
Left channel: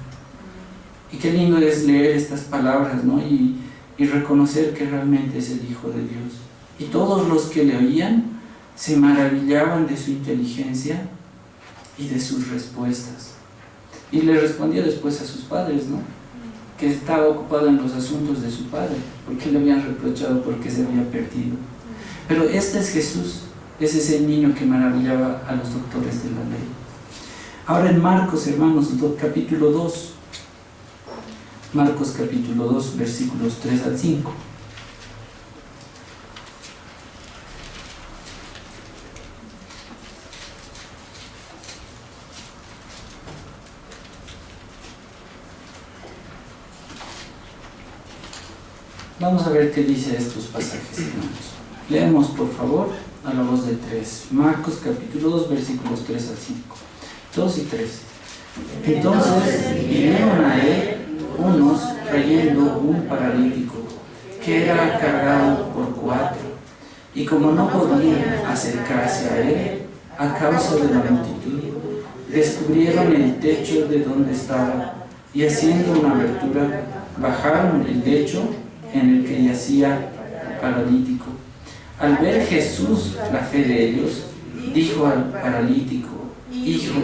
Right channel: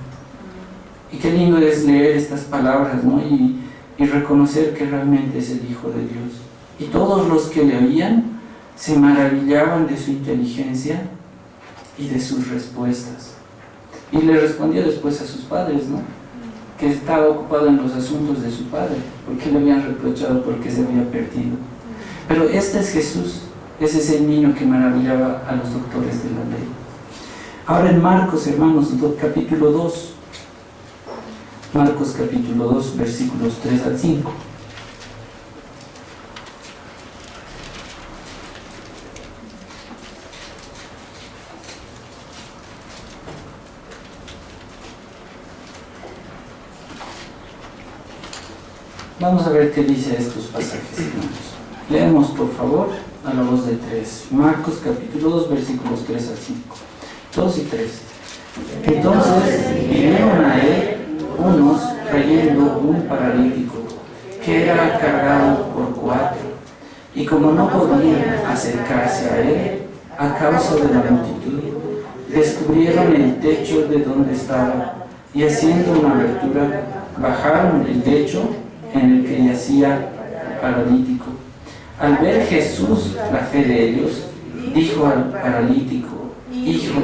Y qué lindo es leer estas palabras, ¿no? Y reconocer que realmente es el Hijo de Dios. Y todos los que le oían se maravillaban de su inteligencia y de sus respuestas. Y le respondió después a sus padres, ¿no? Que estaba ocupado en los asuntos de su padre, porque le habían reprochado porque se había perdido. Pero este es Jesús, ese es el niño que maravillaba a los doctores de la ley. Ahora en Marcos, hermanos, capítulo 2, Marcos capítulo 2, versículos 3 al 5. Vamos a ver qué dice estos pasajes, hermanos. Leemos, por favor, a la voz de 3. Marcos capítulo 2, versículos 3 al 5. 2 y 3. Entonces vinieron a él unos trayendo un paralítico que era cargado por 4, y como no podían acercarse a él a causa de la multitud, descubrieron el techo de donde estaba, y haciendo una abertura bajaron el techo en el que yacía el paralítico. Al ver Jesús la fe de ellos, dijo al paralítico: Hijo,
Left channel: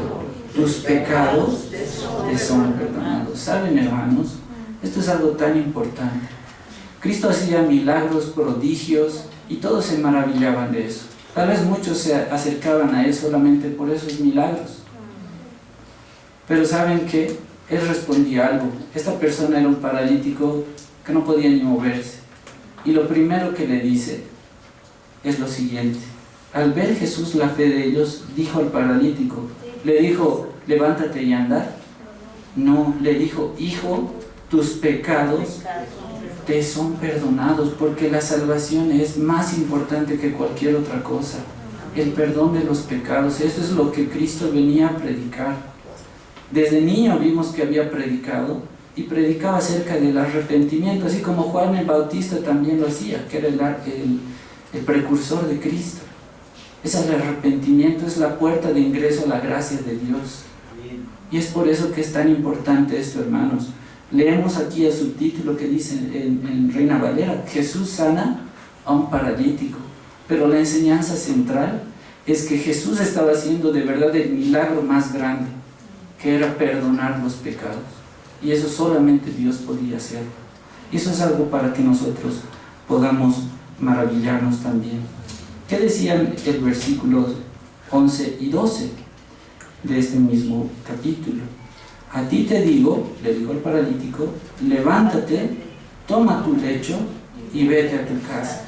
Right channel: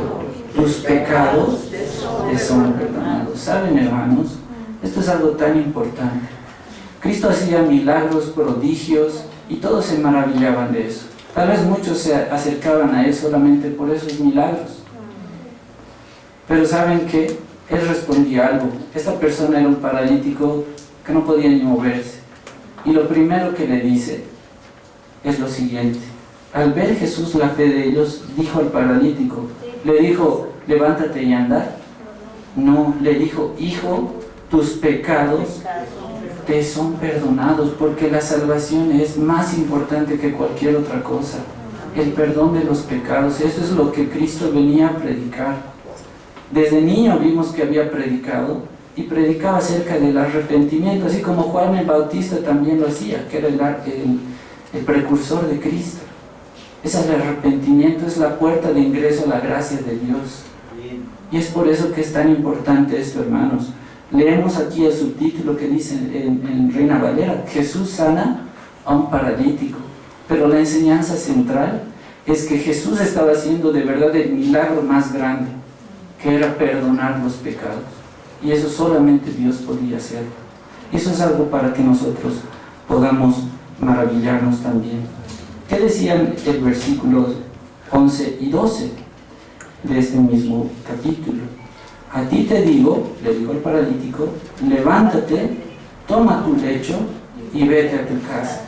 tus pecados te son perdonados. ¿Saben, hermanos? Esto es algo tan importante. Cristo hacía milagros, prodigios, y todos se maravillaban de eso. Tal vez muchos se acercaban a él solamente por esos milagros. Pero ¿saben qué? Él respondía algo. Esta persona era un paralítico que no podía ni moverse. Y lo primero que le dice es lo siguiente. Al ver Jesús la fe de ellos, dijo al paralítico, le dijo: levántate y anda. No, le dijo: hijo, tus pecados te son perdonados, porque la salvación es más importante que cualquier otra cosa. El perdón de los pecados, eso es lo que Cristo venía a predicar. Desde niño vimos que había predicado, y predicaba acerca del arrepentimiento, así como Juan el Bautista también lo hacía, que era el precursor de Cristo. El arrepentimiento es la puerta de ingreso a la gracia de Dios. Y es por eso que es tan importante esto, hermanos. Leemos aquí el subtítulo que dice en Reina Valera: Jesús sana a un paralítico. Pero la enseñanza central es que Jesús estaba haciendo de verdad el milagro más grande, que era perdonar los pecados. Y eso solamente Dios podía hacer. Eso es algo para que nosotros podamos maravillarnos también. ¿Qué decían el versículo 11 y 12 de este mismo capítulo? A ti te digo, le dijo al paralítico, levántate, toma tu lecho y vete a tu casa.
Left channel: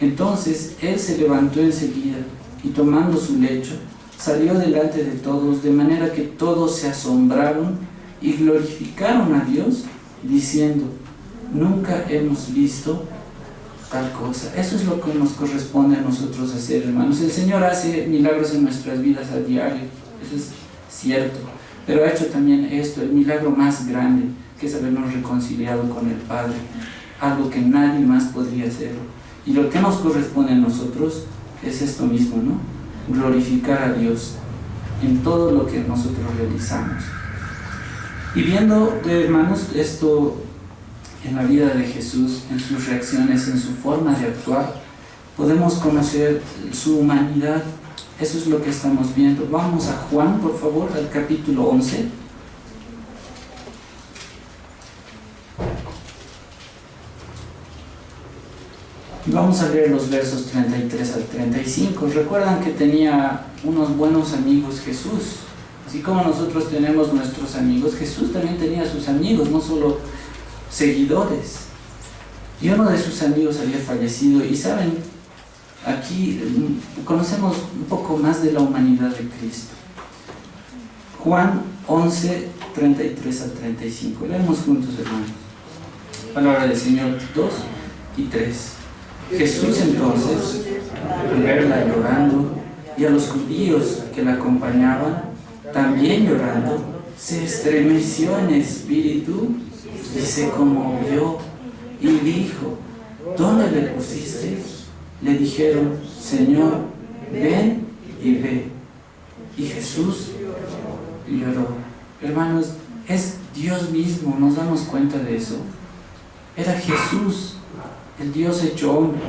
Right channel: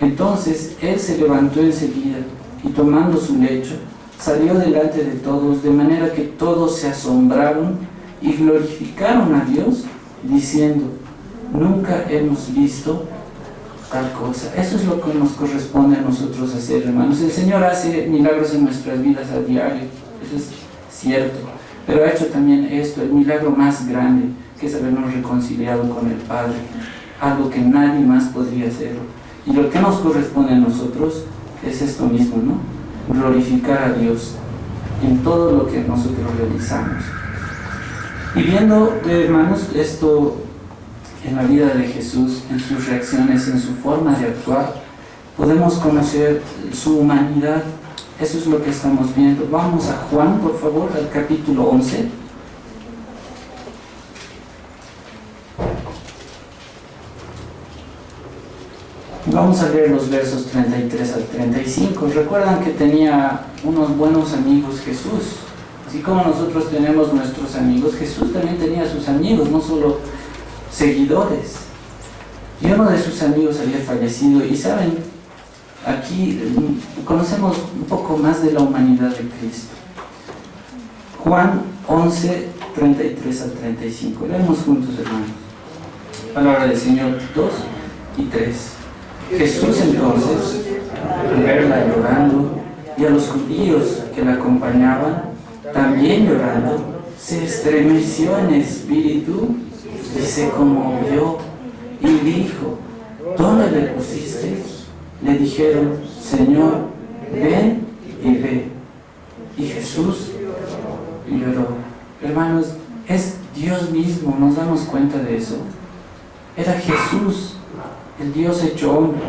Entonces él se levantó enseguida y tomando su lecho salió delante de todos, de manera que todos se asombraron y glorificaron a Dios, diciendo: nunca hemos visto tal cosa. Eso es lo que nos corresponde a nosotros hacer, hermanos. El Señor hace milagros en nuestras vidas a diario, eso es cierto, pero ha hecho también esto, el milagro más grande, que es habernos reconciliado con el Padre, algo que nadie más podría hacer. Y lo que nos corresponde a nosotros es esto mismo, ¿no? Glorificar a Dios en todo lo que nosotros realizamos. Y viendo, hermanos, esto en la vida de Jesús, en sus reacciones, en su forma de actuar, podemos conocer su humanidad. Eso es lo que estamos viendo. Vamos a Juan, por favor, al capítulo 11. Vamos a leer los versos 33 al 35. Recuerdan que tenía unos buenos amigos Jesús. Así como nosotros tenemos nuestros amigos, Jesús también tenía sus amigos, no solo seguidores. Y uno de sus amigos había fallecido. Y saben, aquí conocemos un poco más de la humanidad de Cristo. Juan 11, 33 al 35. Leemos juntos, hermanos. Palabra del Señor 2 y 3. Jesús entonces, al verla llorando, y a los judíos que la acompañaban, también llorando, se estremeció en espíritu y se conmovió y dijo: ¿dónde le pusiste? Le dijeron: Señor, ven y ve. Y Jesús lloró. Hermanos, es Dios mismo, nos damos cuenta de eso. Era Jesús, el Dios hecho hombre,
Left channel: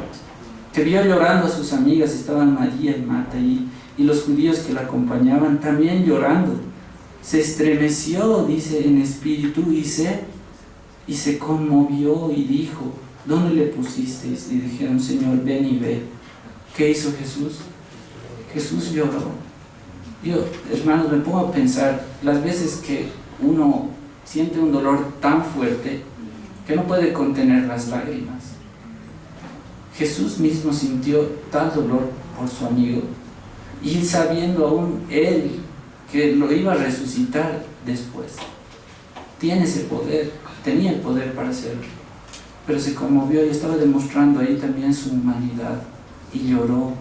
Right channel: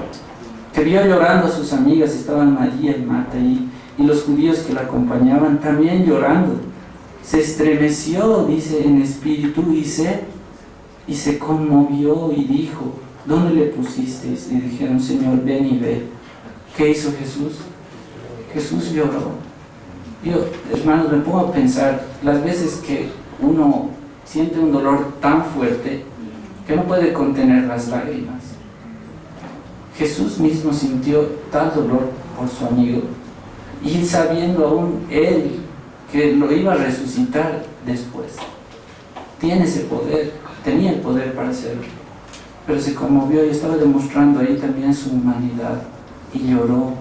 que vio llorando a sus amigas, estaban María y Marta, y los judíos que la acompañaban también llorando. Se estremeció, dice, en espíritu y se conmovió y dijo: ¿dónde le pusisteis? Y dijeron: Señor, ven y ve. ¿Qué hizo Jesús? Jesús lloró. Yo, hermanos, me pongo a pensar las veces que uno siente un dolor tan fuerte que no puede contener las lágrimas. Jesús mismo sintió tal dolor por su amigo, y sabiendo aún él que lo iba a resucitar después. Tiene ese poder, tenía el poder para hacerlo, pero se conmovió y estaba demostrando ahí también su humanidad y lloró.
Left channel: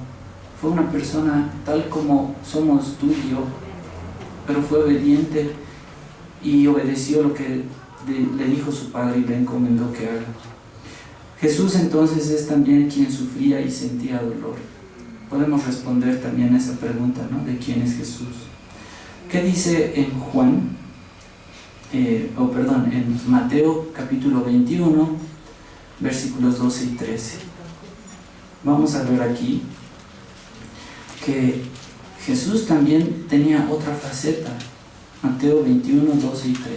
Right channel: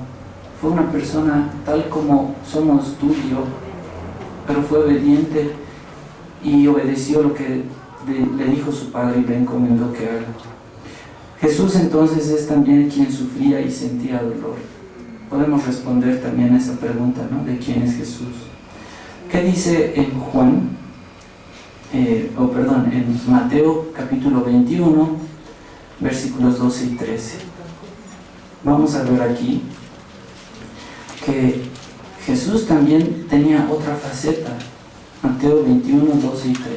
Fue una persona tal como somos tú y yo, pero fue obediente y obedeció lo que le dijo su padre y le encomendó que haga. Jesús entonces es también quien sufría y sentía dolor. Podemos responder también a esa pregunta, ¿no? ¿De quién es Jesús? ¿Qué dice en en Mateo capítulo 21, versículos 12 y 13? Vamos a ver aquí que Jesús también tenía otra faceta. Mateo 21, 12 y 13.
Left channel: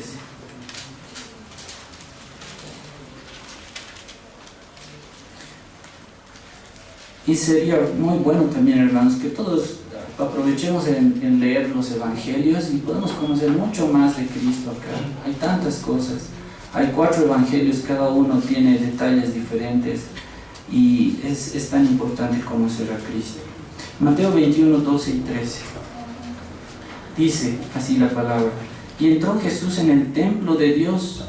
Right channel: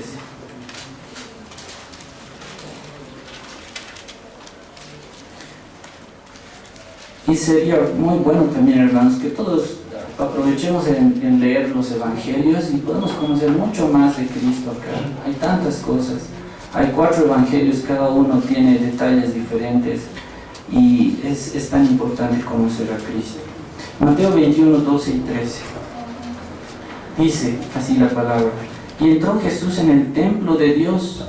Y sería muy bueno también, hermanos, que todos aprovechemos en leer los evangelios y podemos conocer mucho más de Cristo acá. Hay tantas cosas. Hay 4 evangelios, cada uno tiene detalles diferentes y es tan importante conocer a Cristo. Mateo 21, 12 y 13. Dice así la palabra: y entró Jesús en el templo de Dios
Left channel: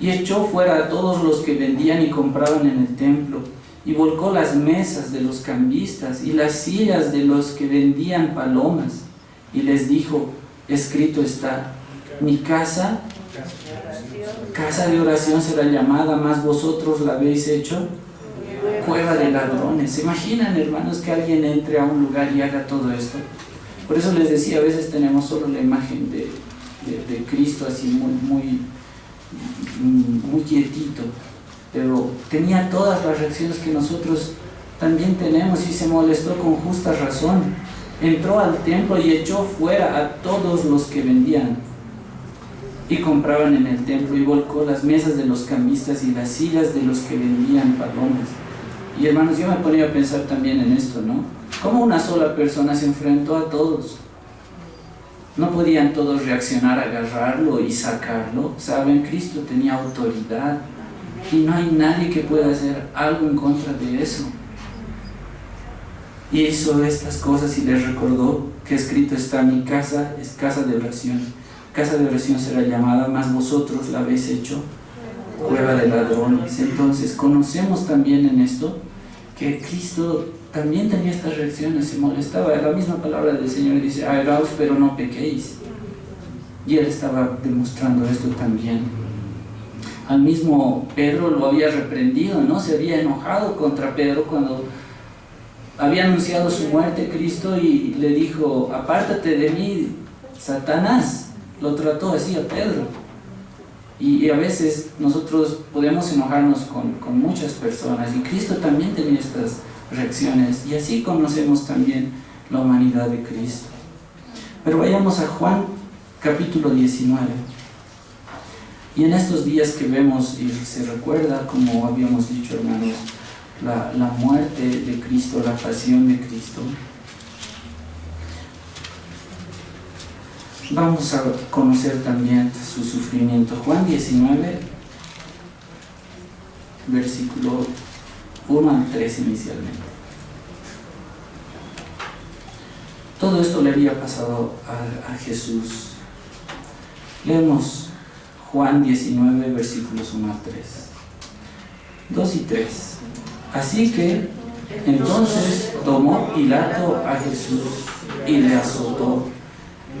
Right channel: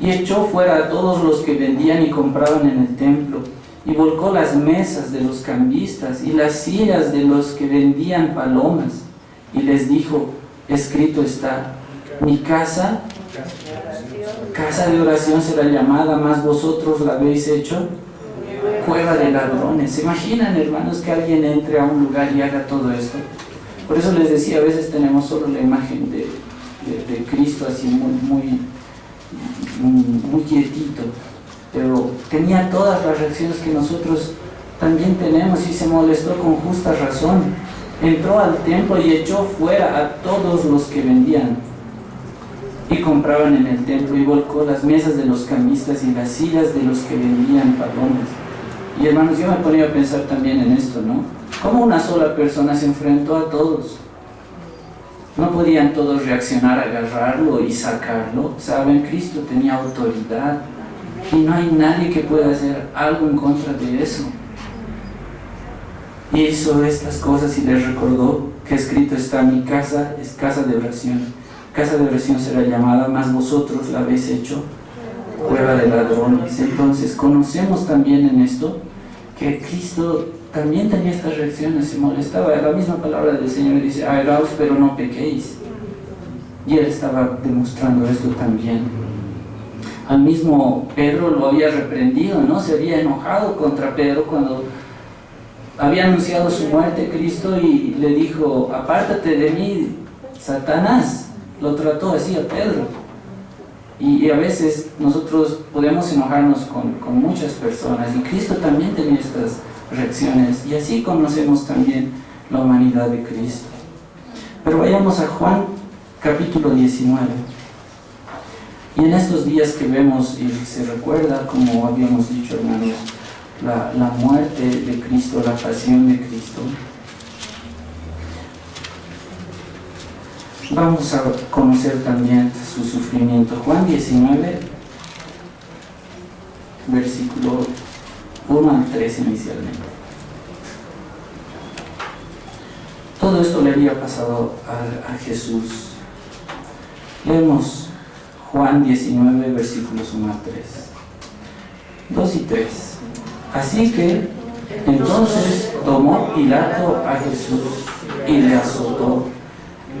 y echó fuera a todos los que vendían y compraban en el templo, y volcó las mesas de los cambistas y las sillas de los que vendían palomas, y les dijo: escrito está, mi casa de oración será llamada, mas vosotros la habéis hecho cueva de ladrones. ¿Se imaginan, hermanos, que alguien entre a un lugar y haga todo esto? Por eso les decía, a veces tenemos solo la imagen de Cristo así muy quietito, pero tenía todas las reacciones que nosotros también tenemos, y se molestó con justa razón. Entró al templo y echó fuera a todos los que vendían y compraban en el templo, y volcó las mesas de los cambistas y las sillas de los que vendían palomas. Y hermanos, yo me ponía a pensar también en esto, ¿no? ¿Cómo una sola persona se enfrentó a todos? No podían todos reaccionar, agarrarlo y sacarlo. Saben, Cristo tenía autoridad y no hay nadie que pueda hacer algo en contra de eso. Y hizo estas cosas y les recordó que escrito está: mi casa es casa de oración. Casa de oración será llamada, mas vosotros la habéis hecho cueva de ladrones. Entonces conocemos también en esto que Cristo también tenía estas reacciones, se molestaba. La misma palabra del Señor dice: airaos, pero no pequéis. Y él estaba demostrando esto también. Al mismo Pedro lo había reprendido, ¿no? Se había enojado contra Pedro cuando había anunciado su muerte Cristo, y le dijo: apártate de mí, Satanás. Lo trató así a Pedro. Y a veces nosotros podemos enojarnos con muchas personas, y Cristo también tenía estas reacciones, y así conocemos también la humanidad de Cristo. Pero vayamos a Juan capítulo 19. Y en estos días que vemos y se recuerda, como habíamos dicho, hermanos, la muerte de Cristo, la pasión de Cristo, vamos a conocer también su sufrimiento. Juan 19, versículo 1 al 3 inicialmente. Todo esto le había pasado a Jesús. Leemos Juan 19, versículos 1 al 3. 2 y 3. Así que entonces tomó Pilato a Jesús y le azotó.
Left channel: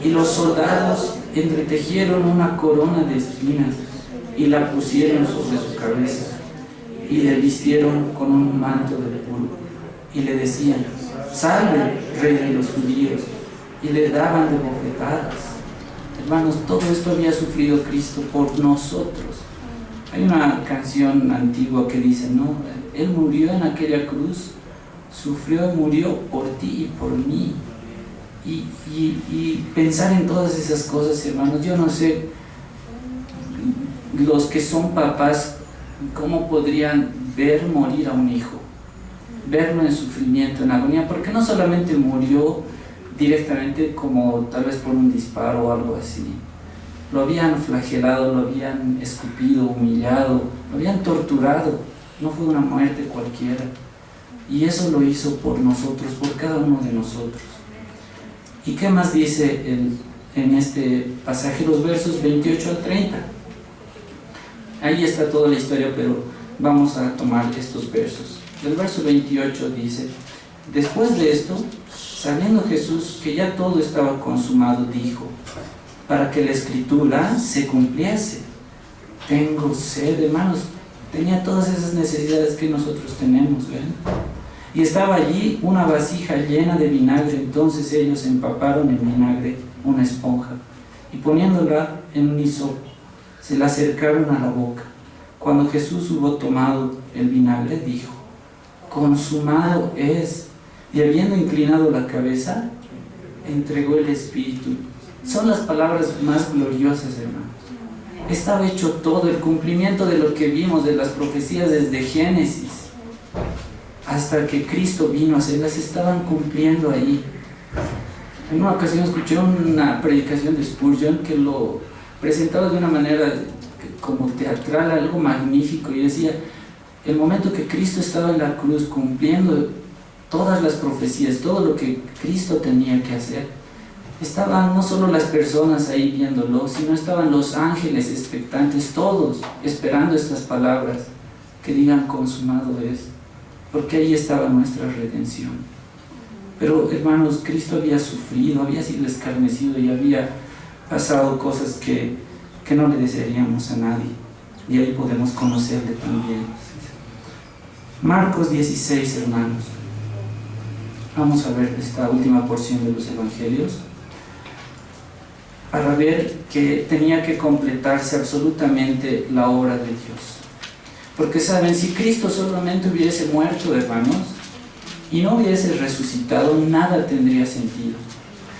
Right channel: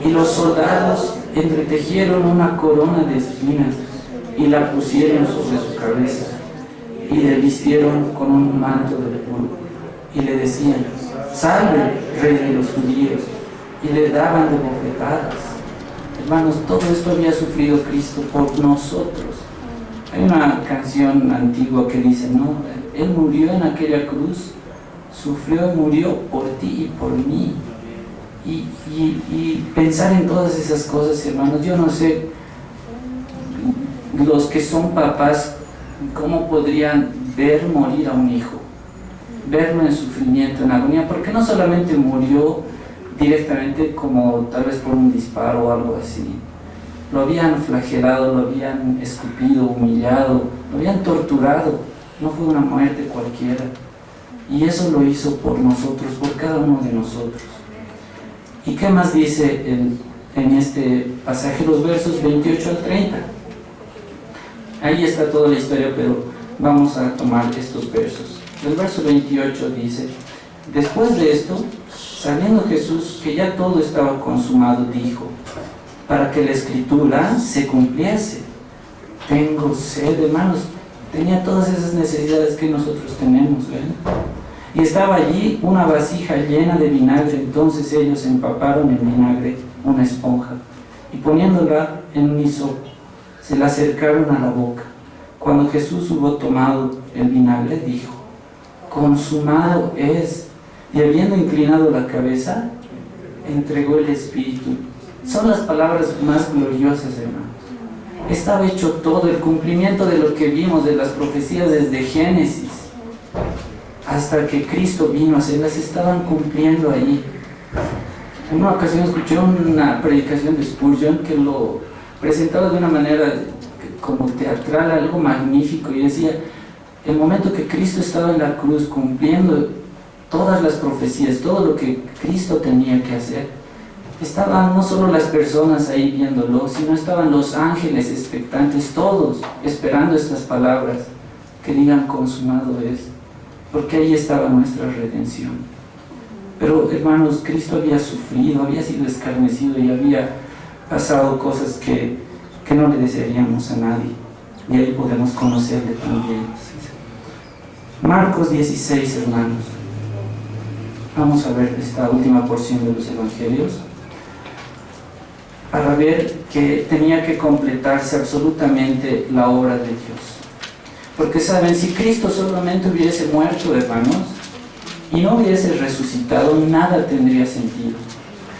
Y los soldados entretejieron una corona de espinas y la pusieron sobre su cabeza y le vistieron con un manto de púrpura y le decían: salve, rey de los judíos, y le daban de bofetadas. Hermanos, todo esto había sufrido Cristo por nosotros. Hay una canción antigua que dice, ¿no? Él murió en aquella cruz, sufrió y murió por ti y por mí. Y pensar en todas esas cosas, hermanos, yo no sé, los que son papás, ¿cómo podrían ver morir a un hijo? Verlo en sufrimiento, en agonía, porque no solamente murió directamente como tal vez por un disparo o algo así. Lo habían flagelado, lo habían escupido, humillado, lo habían torturado. No fue una muerte cualquiera. Y eso lo hizo por nosotros, por cada uno de nosotros. ¿Y qué más dice en este pasaje, los versos 28 al 30? Ahí está toda la historia, pero vamos a tomar estos versos. El verso 28 dice: después de esto, sabiendo Jesús que ya todo estaba consumado, dijo, para que la escritura se cumpliese: tengo sed. Hermanos, tenía todas esas necesidades que nosotros tenemos, ¿ven? Y estaba allí una vasija llena de vinagre. Entonces ellos empaparon en vinagre una esponja y poniéndola en un hisopo, se la acercaron a la boca. Cuando Jesús hubo tomado el vinagre, dijo: consumado es. Y habiendo inclinado la cabeza, entregó el Espíritu. Son las palabras más gloriosas, hermanos. Estaba hecho todo, el cumplimiento de lo que vimos, de las profecías desde Génesis hasta que Cristo vino, se las estaban cumpliendo ahí. En una ocasión escuché una predicación de Spurgeon que lo presentaba de una manera como teatral, algo magnífico, y decía: el momento que Cristo estaba en la cruz cumpliendo todas las profecías, todo lo que Cristo tenía que hacer, estaban no solo las personas ahí viéndolo, sino estaban los ángeles expectantes, todos esperando estas palabras que digan consumado es, porque ahí estaba nuestra redención. Pero hermanos, Cristo había sufrido, había sido escarnecido y había pasado cosas que no le desearíamos a nadie, y ahí podemos conocerle también. Marcos 16, hermanos. Vamos a ver esta última porción de los evangelios para ver que tenía que completarse absolutamente la obra de Dios. Porque saben, si Cristo solamente hubiese muerto, hermanos, y no hubiese resucitado, nada tendría sentido.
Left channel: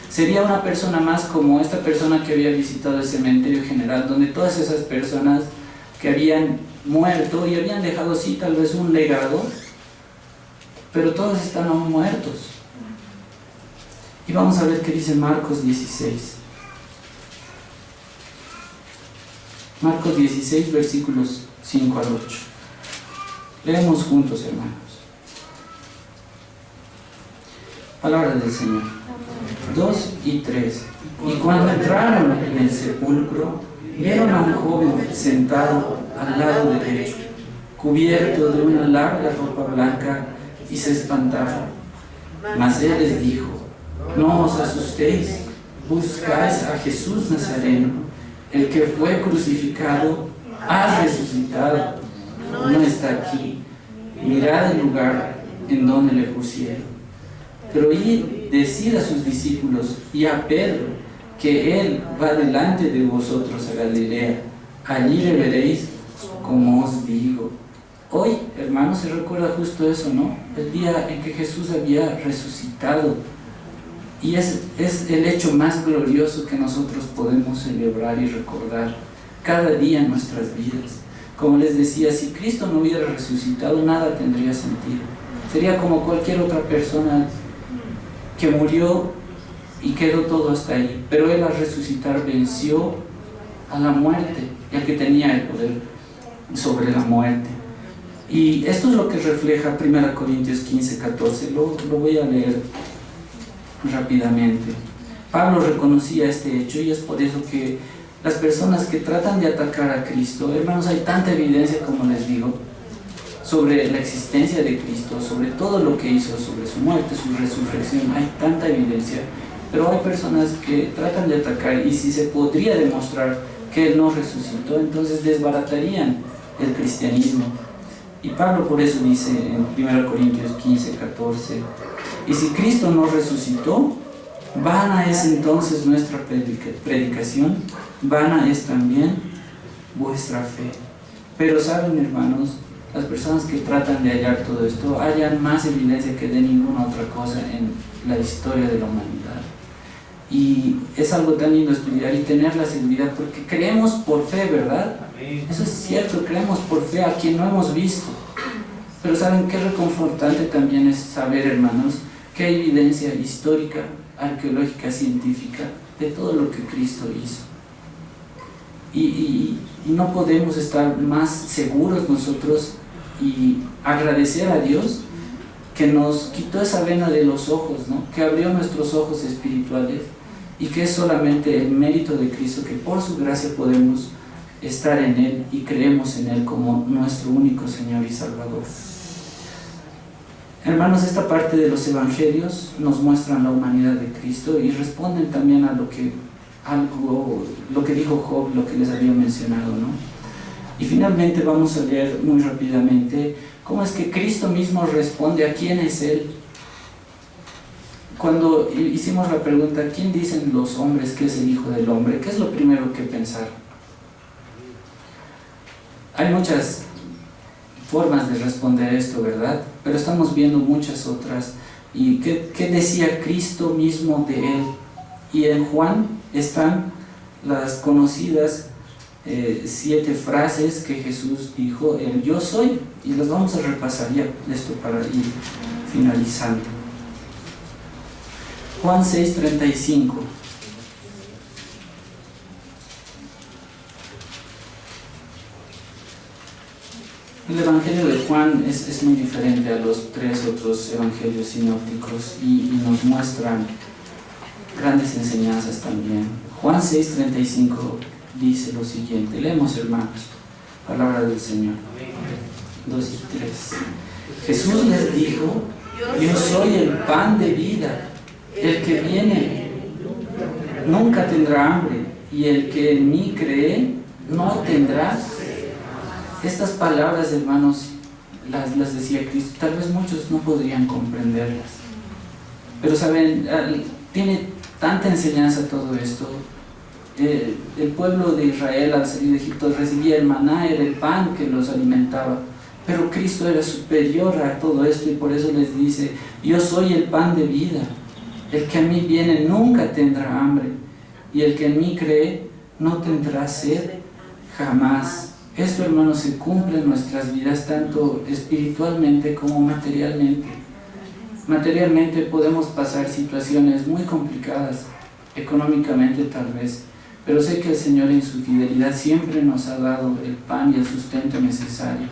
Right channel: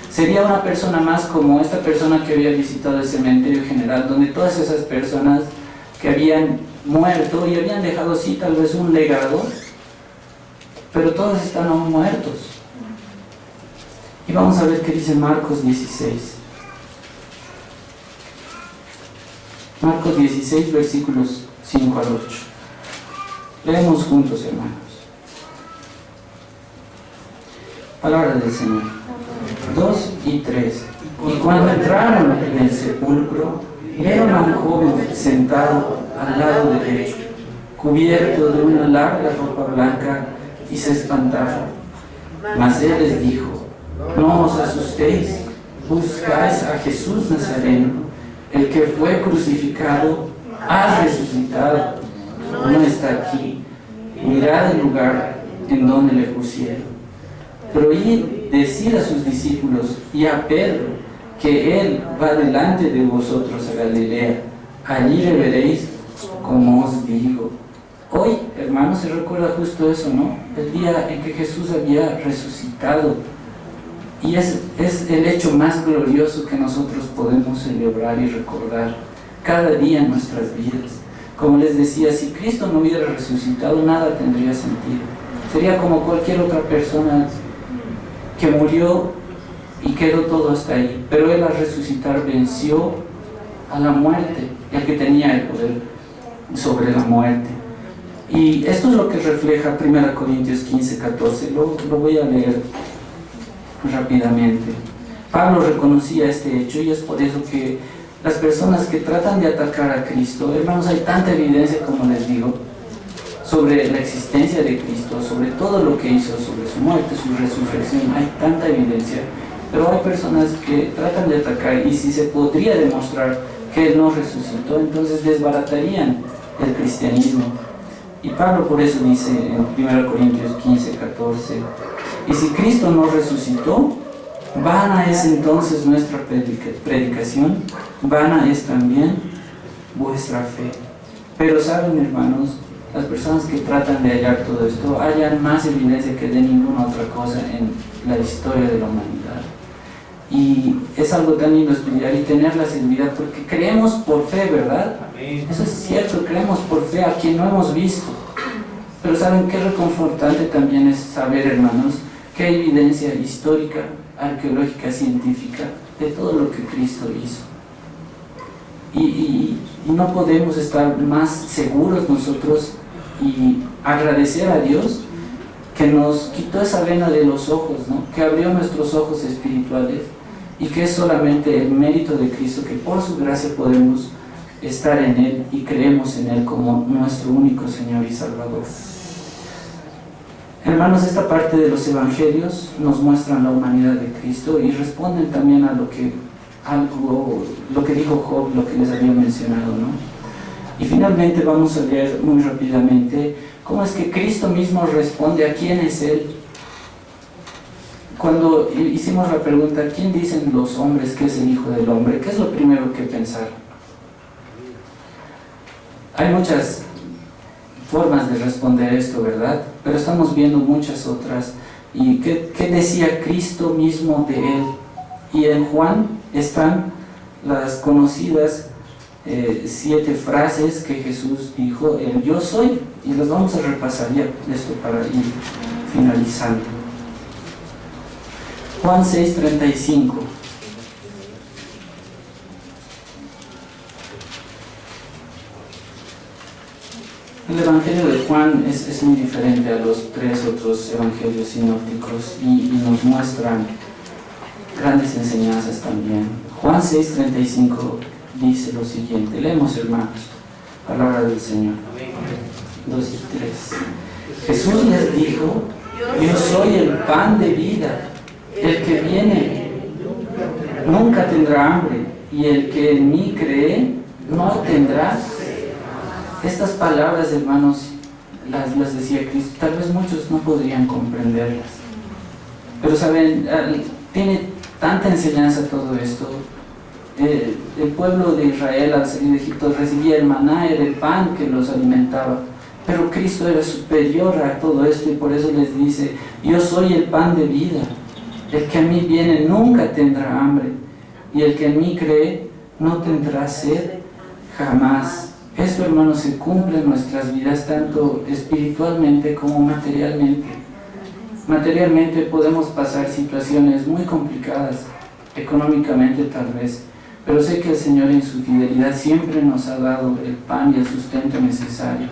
Sería una persona más como esta persona que había visitado el cementerio general, donde todas esas personas que habían muerto y habían dejado así tal vez un legado, pero todos están aún muertos. Y vamos a ver qué dice Marcos 16. Marcos 16, versículos 5 al 8. Leemos juntos, hermanos. Palabra del Señor. 2 y 3. Y cuando entraron en el sepulcro, vieron a un joven sentado al lado derecho, cubierto de una larga ropa blanca, y se espantaron. Mas él les dijo: no os asustéis, buscáis a Jesús Nazareno, el que fue crucificado, ha resucitado, no está aquí. Mirad el lugar en donde le pusieron. Pero id, decid a sus discípulos y a Pedro que él va delante de vosotros a Galilea. Allí le veréis, como os digo. Hoy, hermanos, se recuerda justo eso, ¿no? El día en que Jesús había resucitado. Y es el hecho más glorioso que nosotros podemos celebrar y recordar cada día en nuestras vidas. Como les decía, si Cristo no hubiera resucitado, nada tendría sentido. Sería como cualquier otra persona que murió y quedó todo hasta ahí. Pero Él, al resucitar, venció a la muerte, el que tenía el poder sobre la muerte. Y esto es lo que refleja 1 Corintios 15, 14. Lo voy a leer rápidamente. Pablo reconocía este hecho, y es por eso que las personas que tratan de atacar a Cristo, hermanos, hay tanta evidencia, como les digo, sobre la existencia de Cristo, sobre todo lo que hizo, sobre su muerte, su resurrección. Hay tanta evidencia Pero hay personas que tratan de atacar, y si se podría demostrar que Él no resucitó, entonces desbaratarían el cristianismo. Y Pablo por eso dice en 1 Corintios 15, 14, y si Cristo no resucitó, vana es entonces nuestra predicación, vana es también vuestra fe. Pero saben, hermanos, las personas que tratan de hallar todo esto hallan más evidencia que de ninguna otra cosa en la historia de la humanidad. Y es algo tan lindo estudiar y tener la seguridad, porque creemos por fe, ¿verdad? Eso es cierto, creemos por fe a quien no hemos visto. Pero ¿saben qué reconfortante también es saber, hermanos, que hay evidencia histórica, arqueológica, científica de todo lo que Cristo hizo? Y no podemos estar más seguros nosotros y agradecer a Dios que nos quitó esa vena de los ojos, ¿no? Que abrió nuestros ojos espirituales, y que es solamente el mérito de Cristo, que por su gracia podemos estar en Él y creemos en Él como nuestro único Señor y Salvador. Hermanos, esta parte de los evangelios nos muestran la humanidad de Cristo y responden también a lo que dijo Job, lo que les había mencionado, ¿no? Y finalmente vamos a leer muy rápidamente cómo es que Cristo mismo responde a quién es Él. Cuando hicimos la pregunta, ¿quién dicen los hombres que es el Hijo del Hombre?, ¿qué es lo primero que pensar? Hay muchas formas de responder esto, ¿verdad? Pero estamos viendo muchas otras. ¿Y qué decía Cristo mismo de Él? Y en Juan están las conocidas 7 frases que Jesús dijo, el yo soy, y las vamos a repasar ya esto para ir finalizando. Juan 6:35. El Evangelio de Juan es muy diferente a los 3 otros evangelios sinópticos y nos muestran grandes enseñanzas también. Juan 6:35 dice lo siguiente, leemos, hermanos, palabra del Señor. 2 y 3. Jesús les dijo, yo soy el pan de vida, el que viene nunca tendrá hambre, y el que en mí cree no tendrá. Estas palabras, hermanos, las decía Cristo. Tal vez muchos no podrían comprenderlas, pero saben, tiene tanta enseñanza todo esto. El pueblo de Israel al salir de Egipto recibía el maná, era el pan que los alimentaba, pero Cristo era superior a todo esto, y por eso les dice, yo soy el pan de vida, el que a mí viene nunca tendrá hambre, y el que en mí cree no tendrá sed jamás. Esto, hermanos, se cumple en nuestras vidas, tanto espiritualmente como materialmente. Materialmente podemos pasar situaciones muy complicadas, económicamente tal vez, pero sé que el Señor en su fidelidad siempre nos ha dado el pan y el sustento necesario,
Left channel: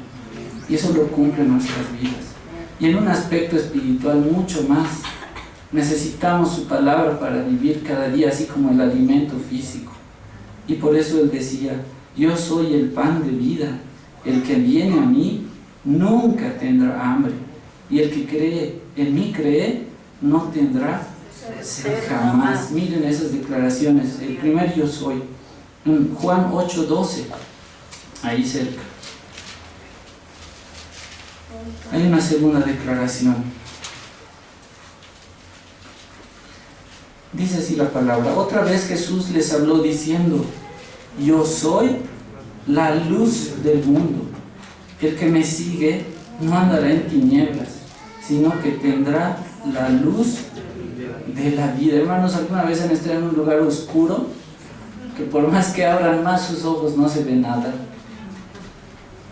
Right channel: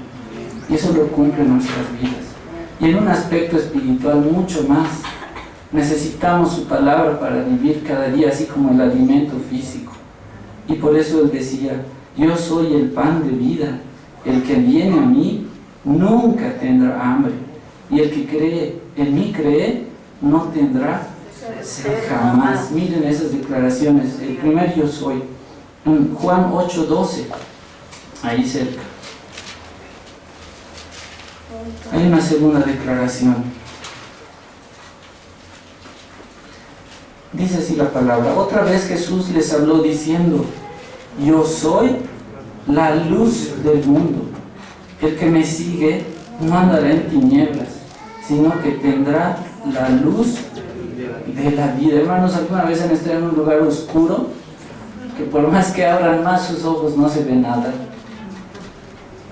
y eso lo cumple en nuestras vidas. Y en un aspecto espiritual mucho más, necesitamos su palabra para vivir cada día, así como el alimento físico. Y por eso Él decía, yo soy el pan de vida, el que viene a mí nunca tendrá hambre, y el que cree en mí cree no tendrá sed jamás. Miren esas declaraciones. El primer yo soy, Juan 8:12, ahí cerca. Hay una segunda declaración. Dice así la palabra, otra vez Jesús les habló diciendo, yo soy la luz del mundo. El que me sigue no andará en tinieblas, sino que tendrá la luz de la vida. Hermanos, ¿alguna vez han estado en un lugar oscuro que por más que abran más sus ojos no se ve nada?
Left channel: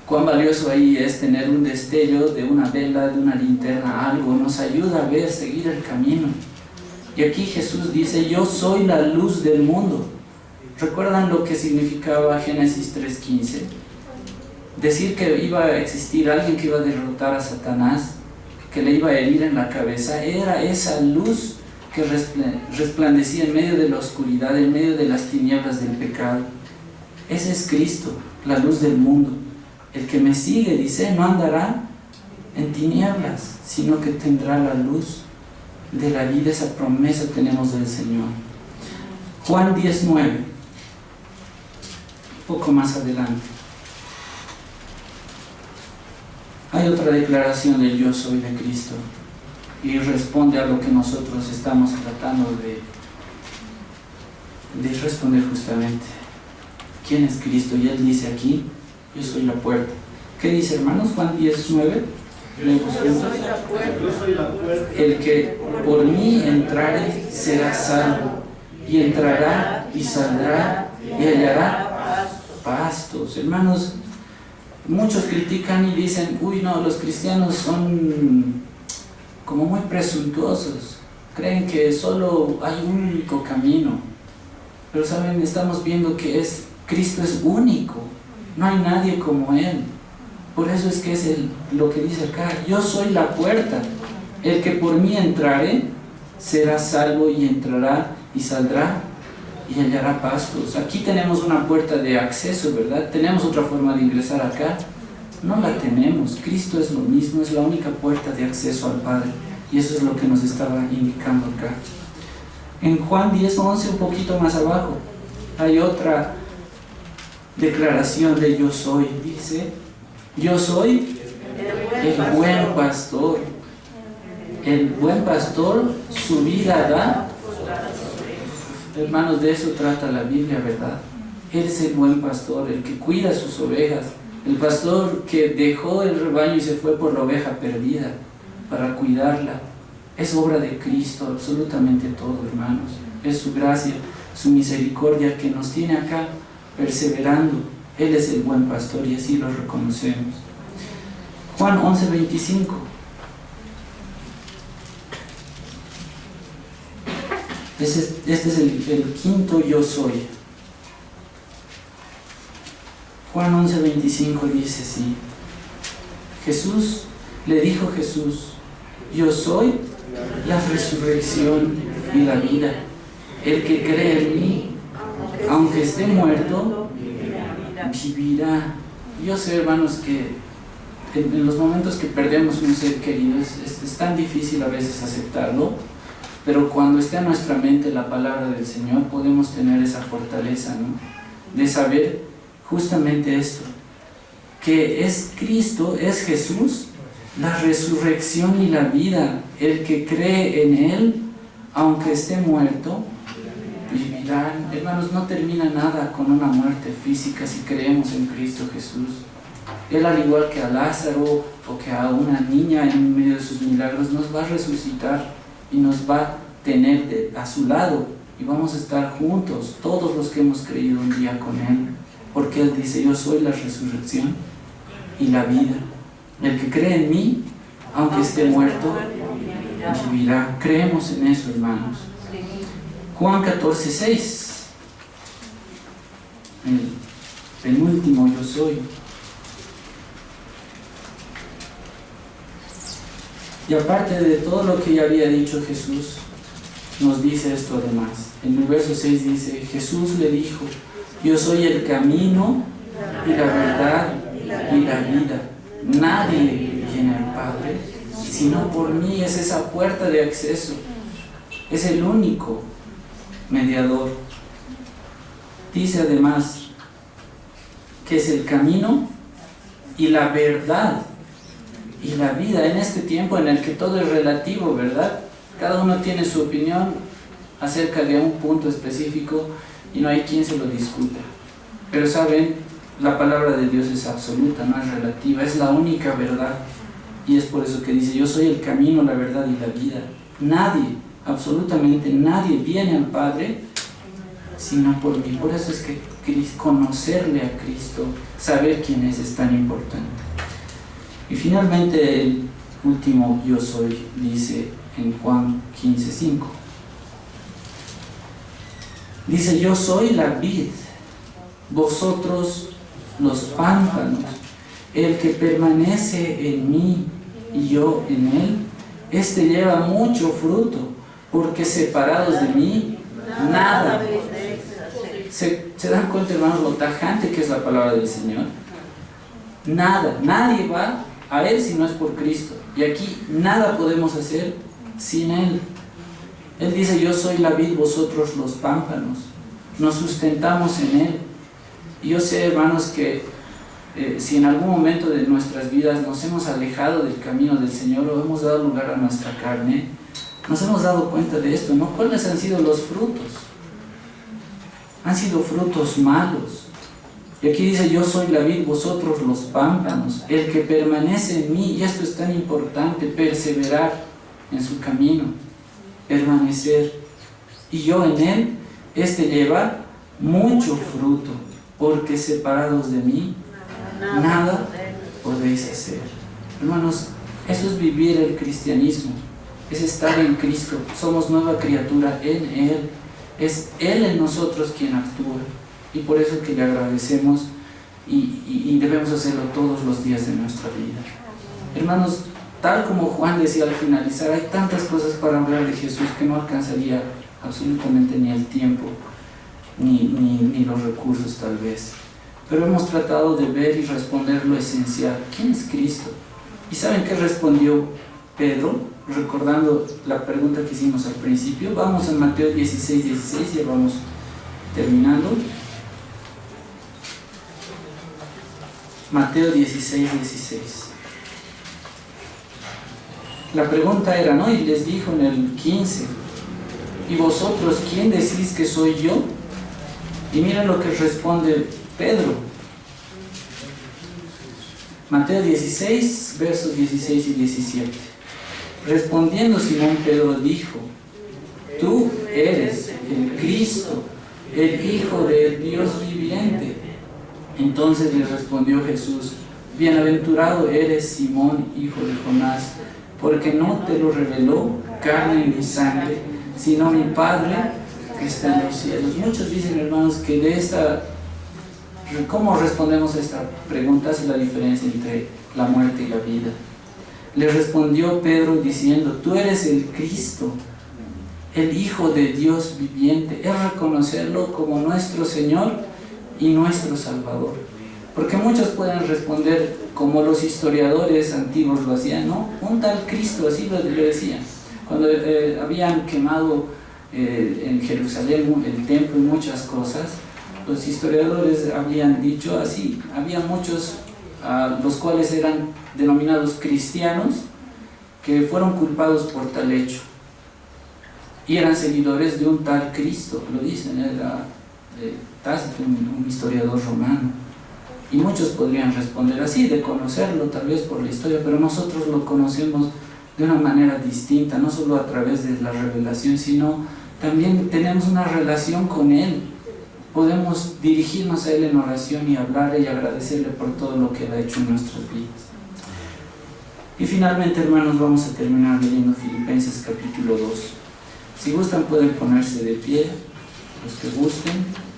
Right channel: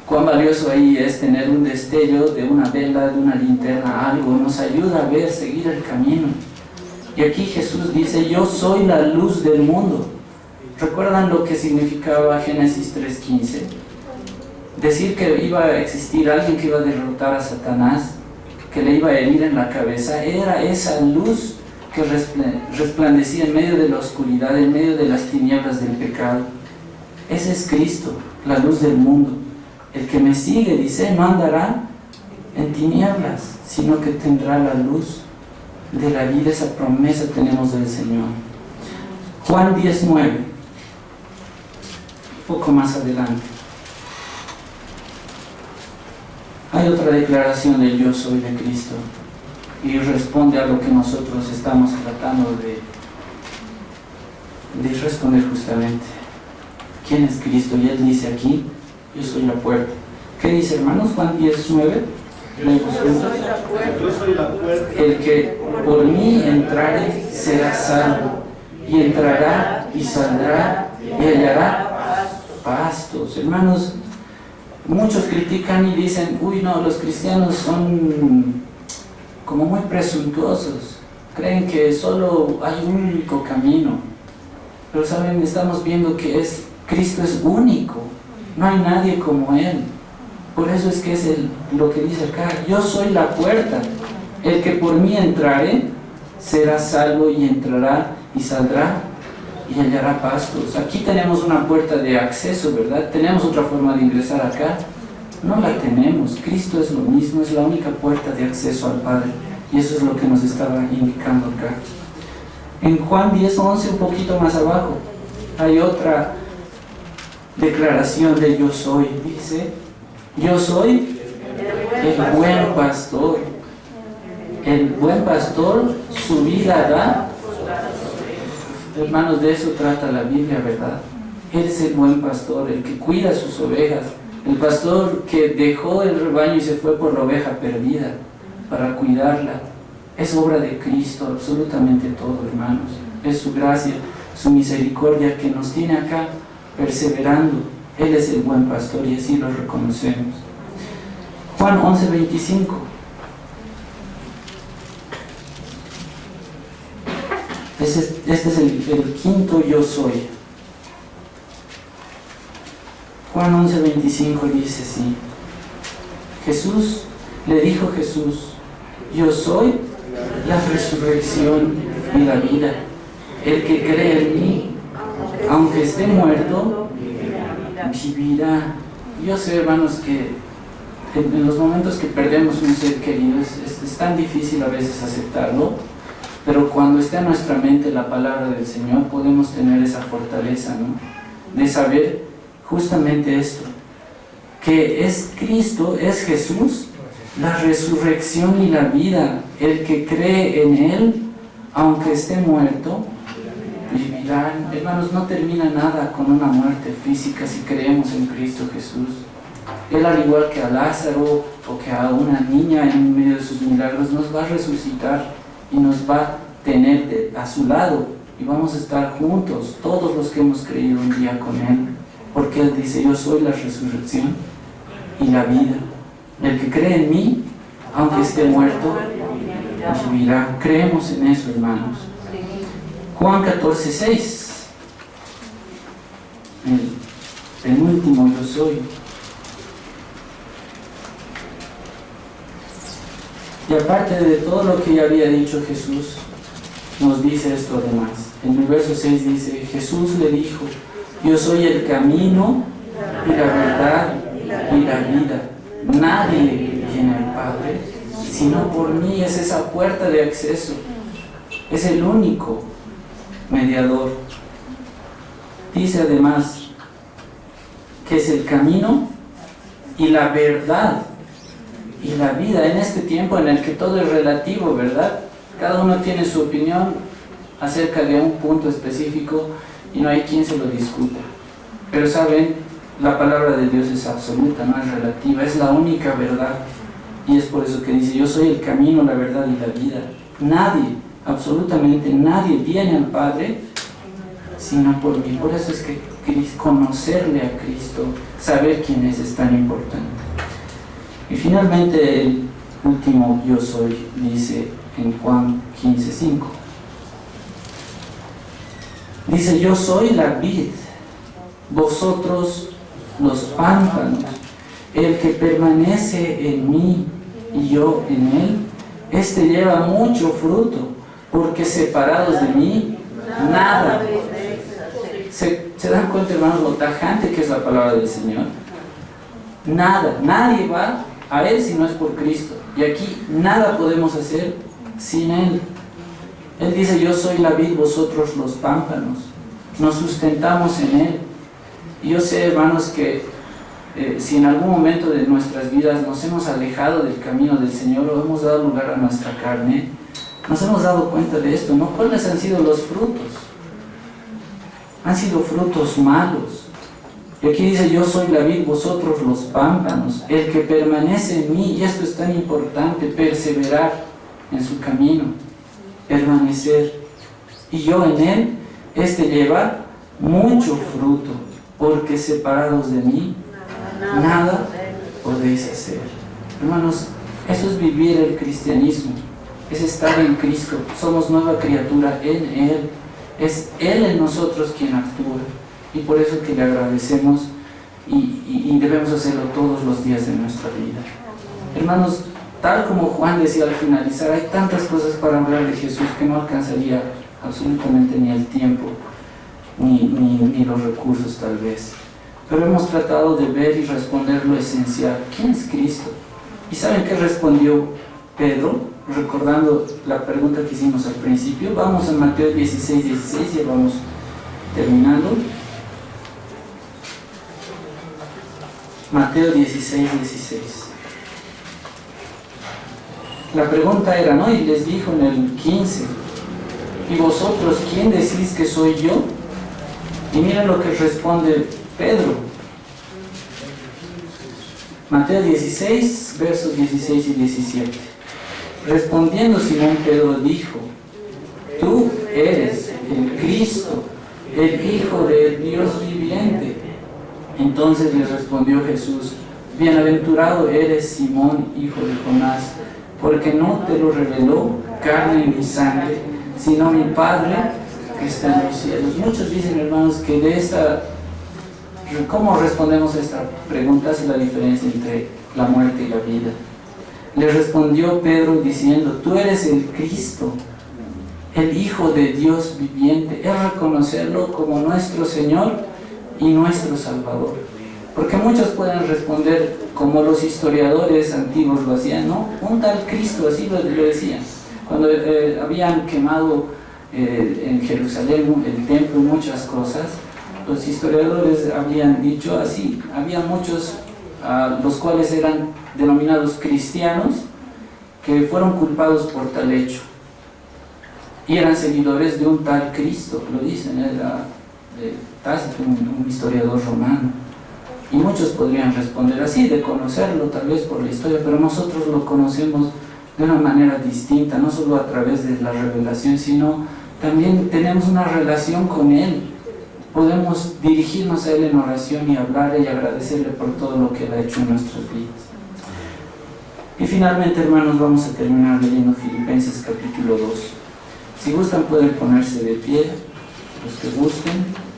Cuán valioso ahí es tener un destello de una vela, de una linterna, algo nos ayuda a ver, seguir el camino. Y aquí Jesús dice, yo soy la luz del mundo. ¿Recuerdan lo que significaba Génesis 3:15? Decir que iba a existir alguien que iba a derrotar a Satanás, que le iba a herir en la cabeza, era esa luz que resplandecía en medio de la oscuridad, en medio de las tinieblas del pecado. Ese es Cristo, la luz del mundo. El que me sigue, dice, no andará en tinieblas, sino que tendrá la luz de la vida, esa promesa tenemos del Señor. Juan 10:9, un poco más adelante. Hay otra declaración del yo soy de Cristo y responde a lo que nosotros estamos tratando de responder justamente. ¿Quién es Cristo? Y Él dice aquí, yo soy la puerta. ¿Qué dice, hermanos? Juan 10:9. El que por mí entrare será salvo, y entrará y saldrá y hallará pastos. Hermanos, muchos critican y dicen, uy no, los cristianos son como muy presuntuosos, creen que solo hay un único camino, pero saben, estamos viendo que Cristo es único, no hay nadie como Él. Por eso es que es lo que dice acá, yo soy la puerta, el que por mí entrare será salvo, y entrará y saldrá y hallará pastos. Aquí tenemos una puerta de acceso, ¿verdad? ¿Tenemos otra forma de ingresar acá? No la tenemos. Cristo es lo mismo, es la única puerta de acceso al Padre, y eso es lo que nos estaba indicando acá. En Juan 10:11, un poquito más abajo, hay otra declaración de yo soy. Dice, yo soy el buen pastor. El buen pastor su vida da. Hermanos, de eso trata la Biblia, ¿verdad? Él es el buen pastor, el que cuida sus ovejas, el pastor que dejó el rebaño y se fue por la oveja perdida para cuidarla. Es obra de Cristo, absolutamente todo, hermanos. Es su gracia, su misericordia que nos tiene acá perseverando. Él es el buen pastor y así lo reconocemos. Juan 11:25. Este es el quinto yo soy. Juan 11:25 dice así. Le dijo Jesús, yo soy la resurrección y la vida. El que cree en mí, aunque esté muerto, vivirá. Yo sé, hermanos, que en los momentos que perdemos un ser querido es tan difícil a veces aceptarlo, pero cuando está en nuestra mente la palabra del Señor, podemos tener esa fortaleza, ¿no? De saber justamente esto, que es Cristo, es Jesús, la resurrección y la vida. El que cree en Él, aunque esté muerto, vivirán. Hermanos, no termina nada con una muerte física si creemos en Cristo Jesús. Él, al igual que a Lázaro o que a una niña en medio de sus milagros, nos va a resucitar y nos va a tener a su lado, y vamos a estar juntos, todos los que hemos creído un día con Él, porque Él dice, yo soy la resurrección y la vida. El que cree en mí, aunque esté muerto, vivirá. Creemos en eso, hermanos. Juan 14:6, el penúltimo yo soy. Y aparte de todo lo que ya había dicho Jesús, nos dice esto además. En el verso 6 dice, Jesús le dijo, yo soy el camino y la verdad y la vida. Nadie viene al Padre sino por mí. Es esa puerta de acceso. Es el único mediador. Dice además que es el camino y la verdad y la vida, en este tiempo en el que todo es relativo, ¿verdad? Cada uno tiene su opinión acerca de un punto específico y no hay quien se lo discuta. Pero saben, la palabra de Dios es absoluta, no es relativa, es la única verdad. Y es por eso que dice, yo soy el camino, la verdad y la vida. Nadie, absolutamente nadie viene al Padre sino por mí. Por eso es que conocerle a Cristo, saber quién es tan importante. Y finalmente el último yo soy dice en Juan 15:5. Dice, yo soy la vid, vosotros los pámpanos. El que permanece en mí y yo en él, este lleva mucho fruto, porque separados de mí, nada. ¿Se dan cuenta, hermanos, lo tajante que es la palabra del Señor? Nada, nadie va a Él si no es por Cristo. Y aquí nada podemos hacer sin Él. Él dice, yo soy la vid, vosotros los pámpanos. Nos sustentamos en Él. Y yo sé, hermanos, que si en algún momento de nuestras vidas nos hemos alejado del camino del Señor o hemos dado lugar a nuestra carne, nos hemos dado cuenta de esto, ¿no? ¿Cuáles han sido los frutos? Han sido frutos malos. Y aquí dice, yo soy la vid, vosotros los pámpanos. El que permanece en mí, y esto es tan importante, perseverar en su camino, permanecer. Y yo en él, lleva mucho fruto, porque separados de mí, nada podéis hacer. Hermanos, eso es vivir el cristianismo, es estar en Cristo. Somos nueva criatura en Él. Es Él en nosotros quien actúa. Y por eso que le agradecemos y debemos hacerlo todos los días de nuestra vida. Hermanos, tal como Juan decía al finalizar, hay tantas cosas para hablar de Jesús que no alcanzaría absolutamente ni el tiempo, ni los recursos tal vez. Pero hemos tratado de ver y responder lo esencial. ¿Quién es Cristo? ¿Y saben qué respondió Pedro? Recordando la pregunta que hicimos al principio. Vamos a Mateo 16:16, ya vamos terminando. Mateo 16:16. La pregunta era, ¿no? Y les dijo en el 15, ¿y vosotros quién decís que soy yo? Y miren lo que responde Pedro. Mateo 16, versos 16 y 17. Respondiendo Simón Pedro dijo, tú eres el Cristo, el Hijo del Dios viviente. Entonces le respondió Jesús, bienaventurado eres Simón, hijo de Jonás, porque no te lo reveló carne ni sangre, sino mi Padre que está en los cielos. Muchos dicen, hermanos, que de esta, ¿cómo respondemos a esta pregunta? Es la diferencia entre la muerte y la vida. Le respondió Pedro diciendo, tú eres el Cristo, el Hijo de Dios viviente. Es reconocerlo como nuestro Señor y nuestro Salvador. Porque muchos pueden responder como los historiadores antiguos lo hacían, ¿no? Un tal Cristo, así lo decían. Cuando habían quemado en Jerusalén el templo y muchas cosas, los historiadores habían dicho así, había muchos los cuales eran denominados cristianos que fueron culpados por tal hecho y eran seguidores de un tal Cristo, lo dicen, era Tácito, un historiador romano. Y muchos podrían responder así, de conocerlo tal vez por la historia, pero nosotros lo conocemos de una manera distinta, no solo a través de la revelación, sino también tenemos una relación con Él. Podemos dirigirnos a Él en oración y hablarle y agradecerle por todo lo que Él ha hecho en nuestras vidas. Y finalmente, hermanos, vamos a terminar leyendo Filipenses capítulo 2. Si gustan pueden ponerse de pie, los que gusten.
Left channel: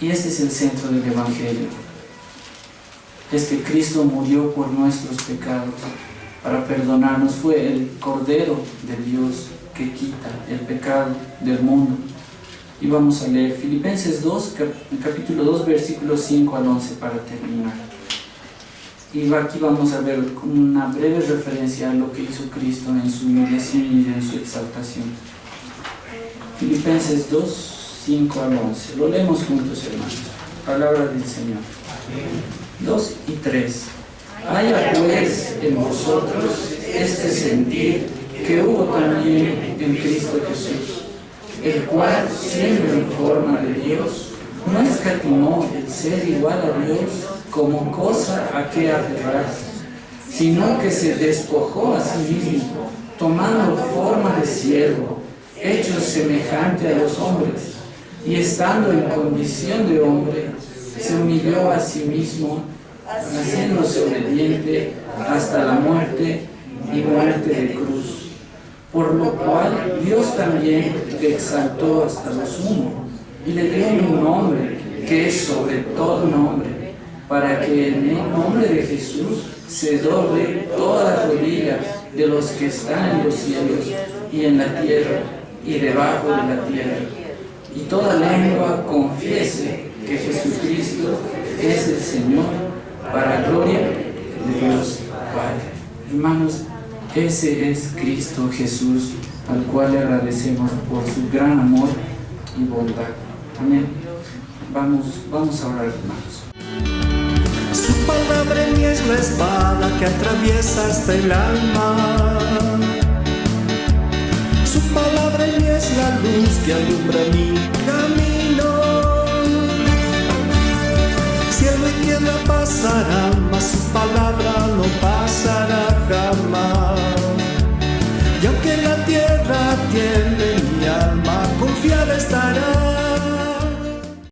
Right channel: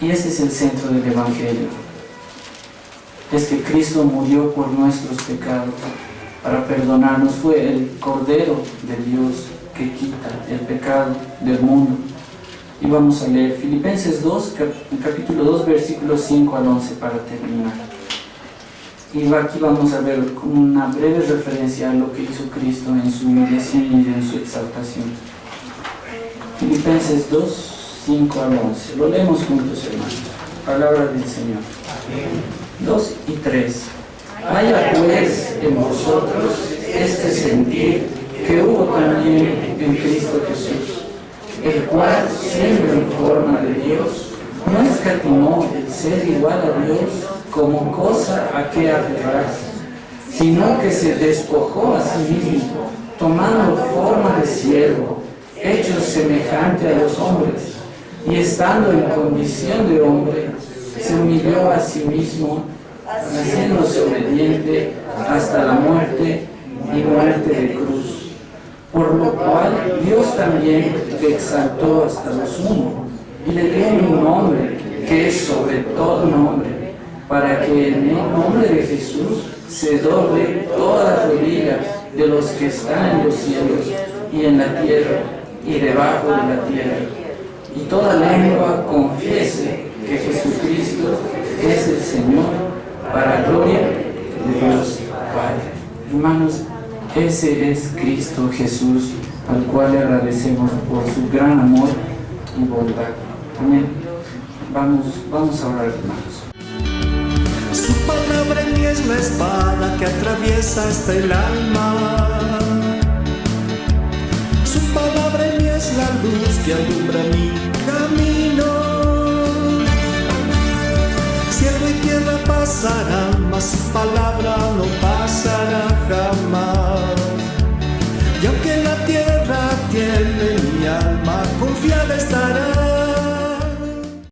Y ese es el centro del Evangelio. Es que Cristo murió por nuestros pecados para perdonarnos. Fue el Cordero de Dios que quita el pecado del mundo. Y vamos a leer Filipenses 2, capítulo 2, versículos 5 al 11 para terminar. Y aquí vamos a ver una breve referencia a lo que hizo Cristo en su humillación y en su exaltación. Filipenses 2, 5 al 11. Lo leemos juntos, hermanos. Palabra del Señor. 2 y 3. Haya pues en vosotros este sentir que hubo también en Cristo Jesús, el cual, siendo en forma de Dios, no escatimó el ser igual a Dios como cosa a que aferrarse, sino que se despojó a sí mismo, tomando forma de siervo, hecho semejante a los hombres, y estando en condición de hombre, se humilló a sí mismo, haciéndose obediente hasta la muerte y muerte de cruz. Por lo cual Dios también le exaltó hasta lo sumo y le dio un nombre que es sobre todo nombre, para que en el nombre de Jesús se doble toda rodilla de los que están en los cielos y en la tierra y debajo de la tierra, y toda lengua confiese que Jesucristo es el Señor, para gloria de Dios Padre. Hermanos, Ese es Cristo Jesús, al cual le agradecemos por su gran amor y bondad. Amén. Vamos a orar, hermanos. Su palabra en mí es la espada que atraviesa hasta el alma. Su palabra en mí es la luz que alumbra mi camino. Cielo y tierra pasarán, mas su palabra no pasará jamás. Y aunque la tierra tiemble, mi alma confiada estará.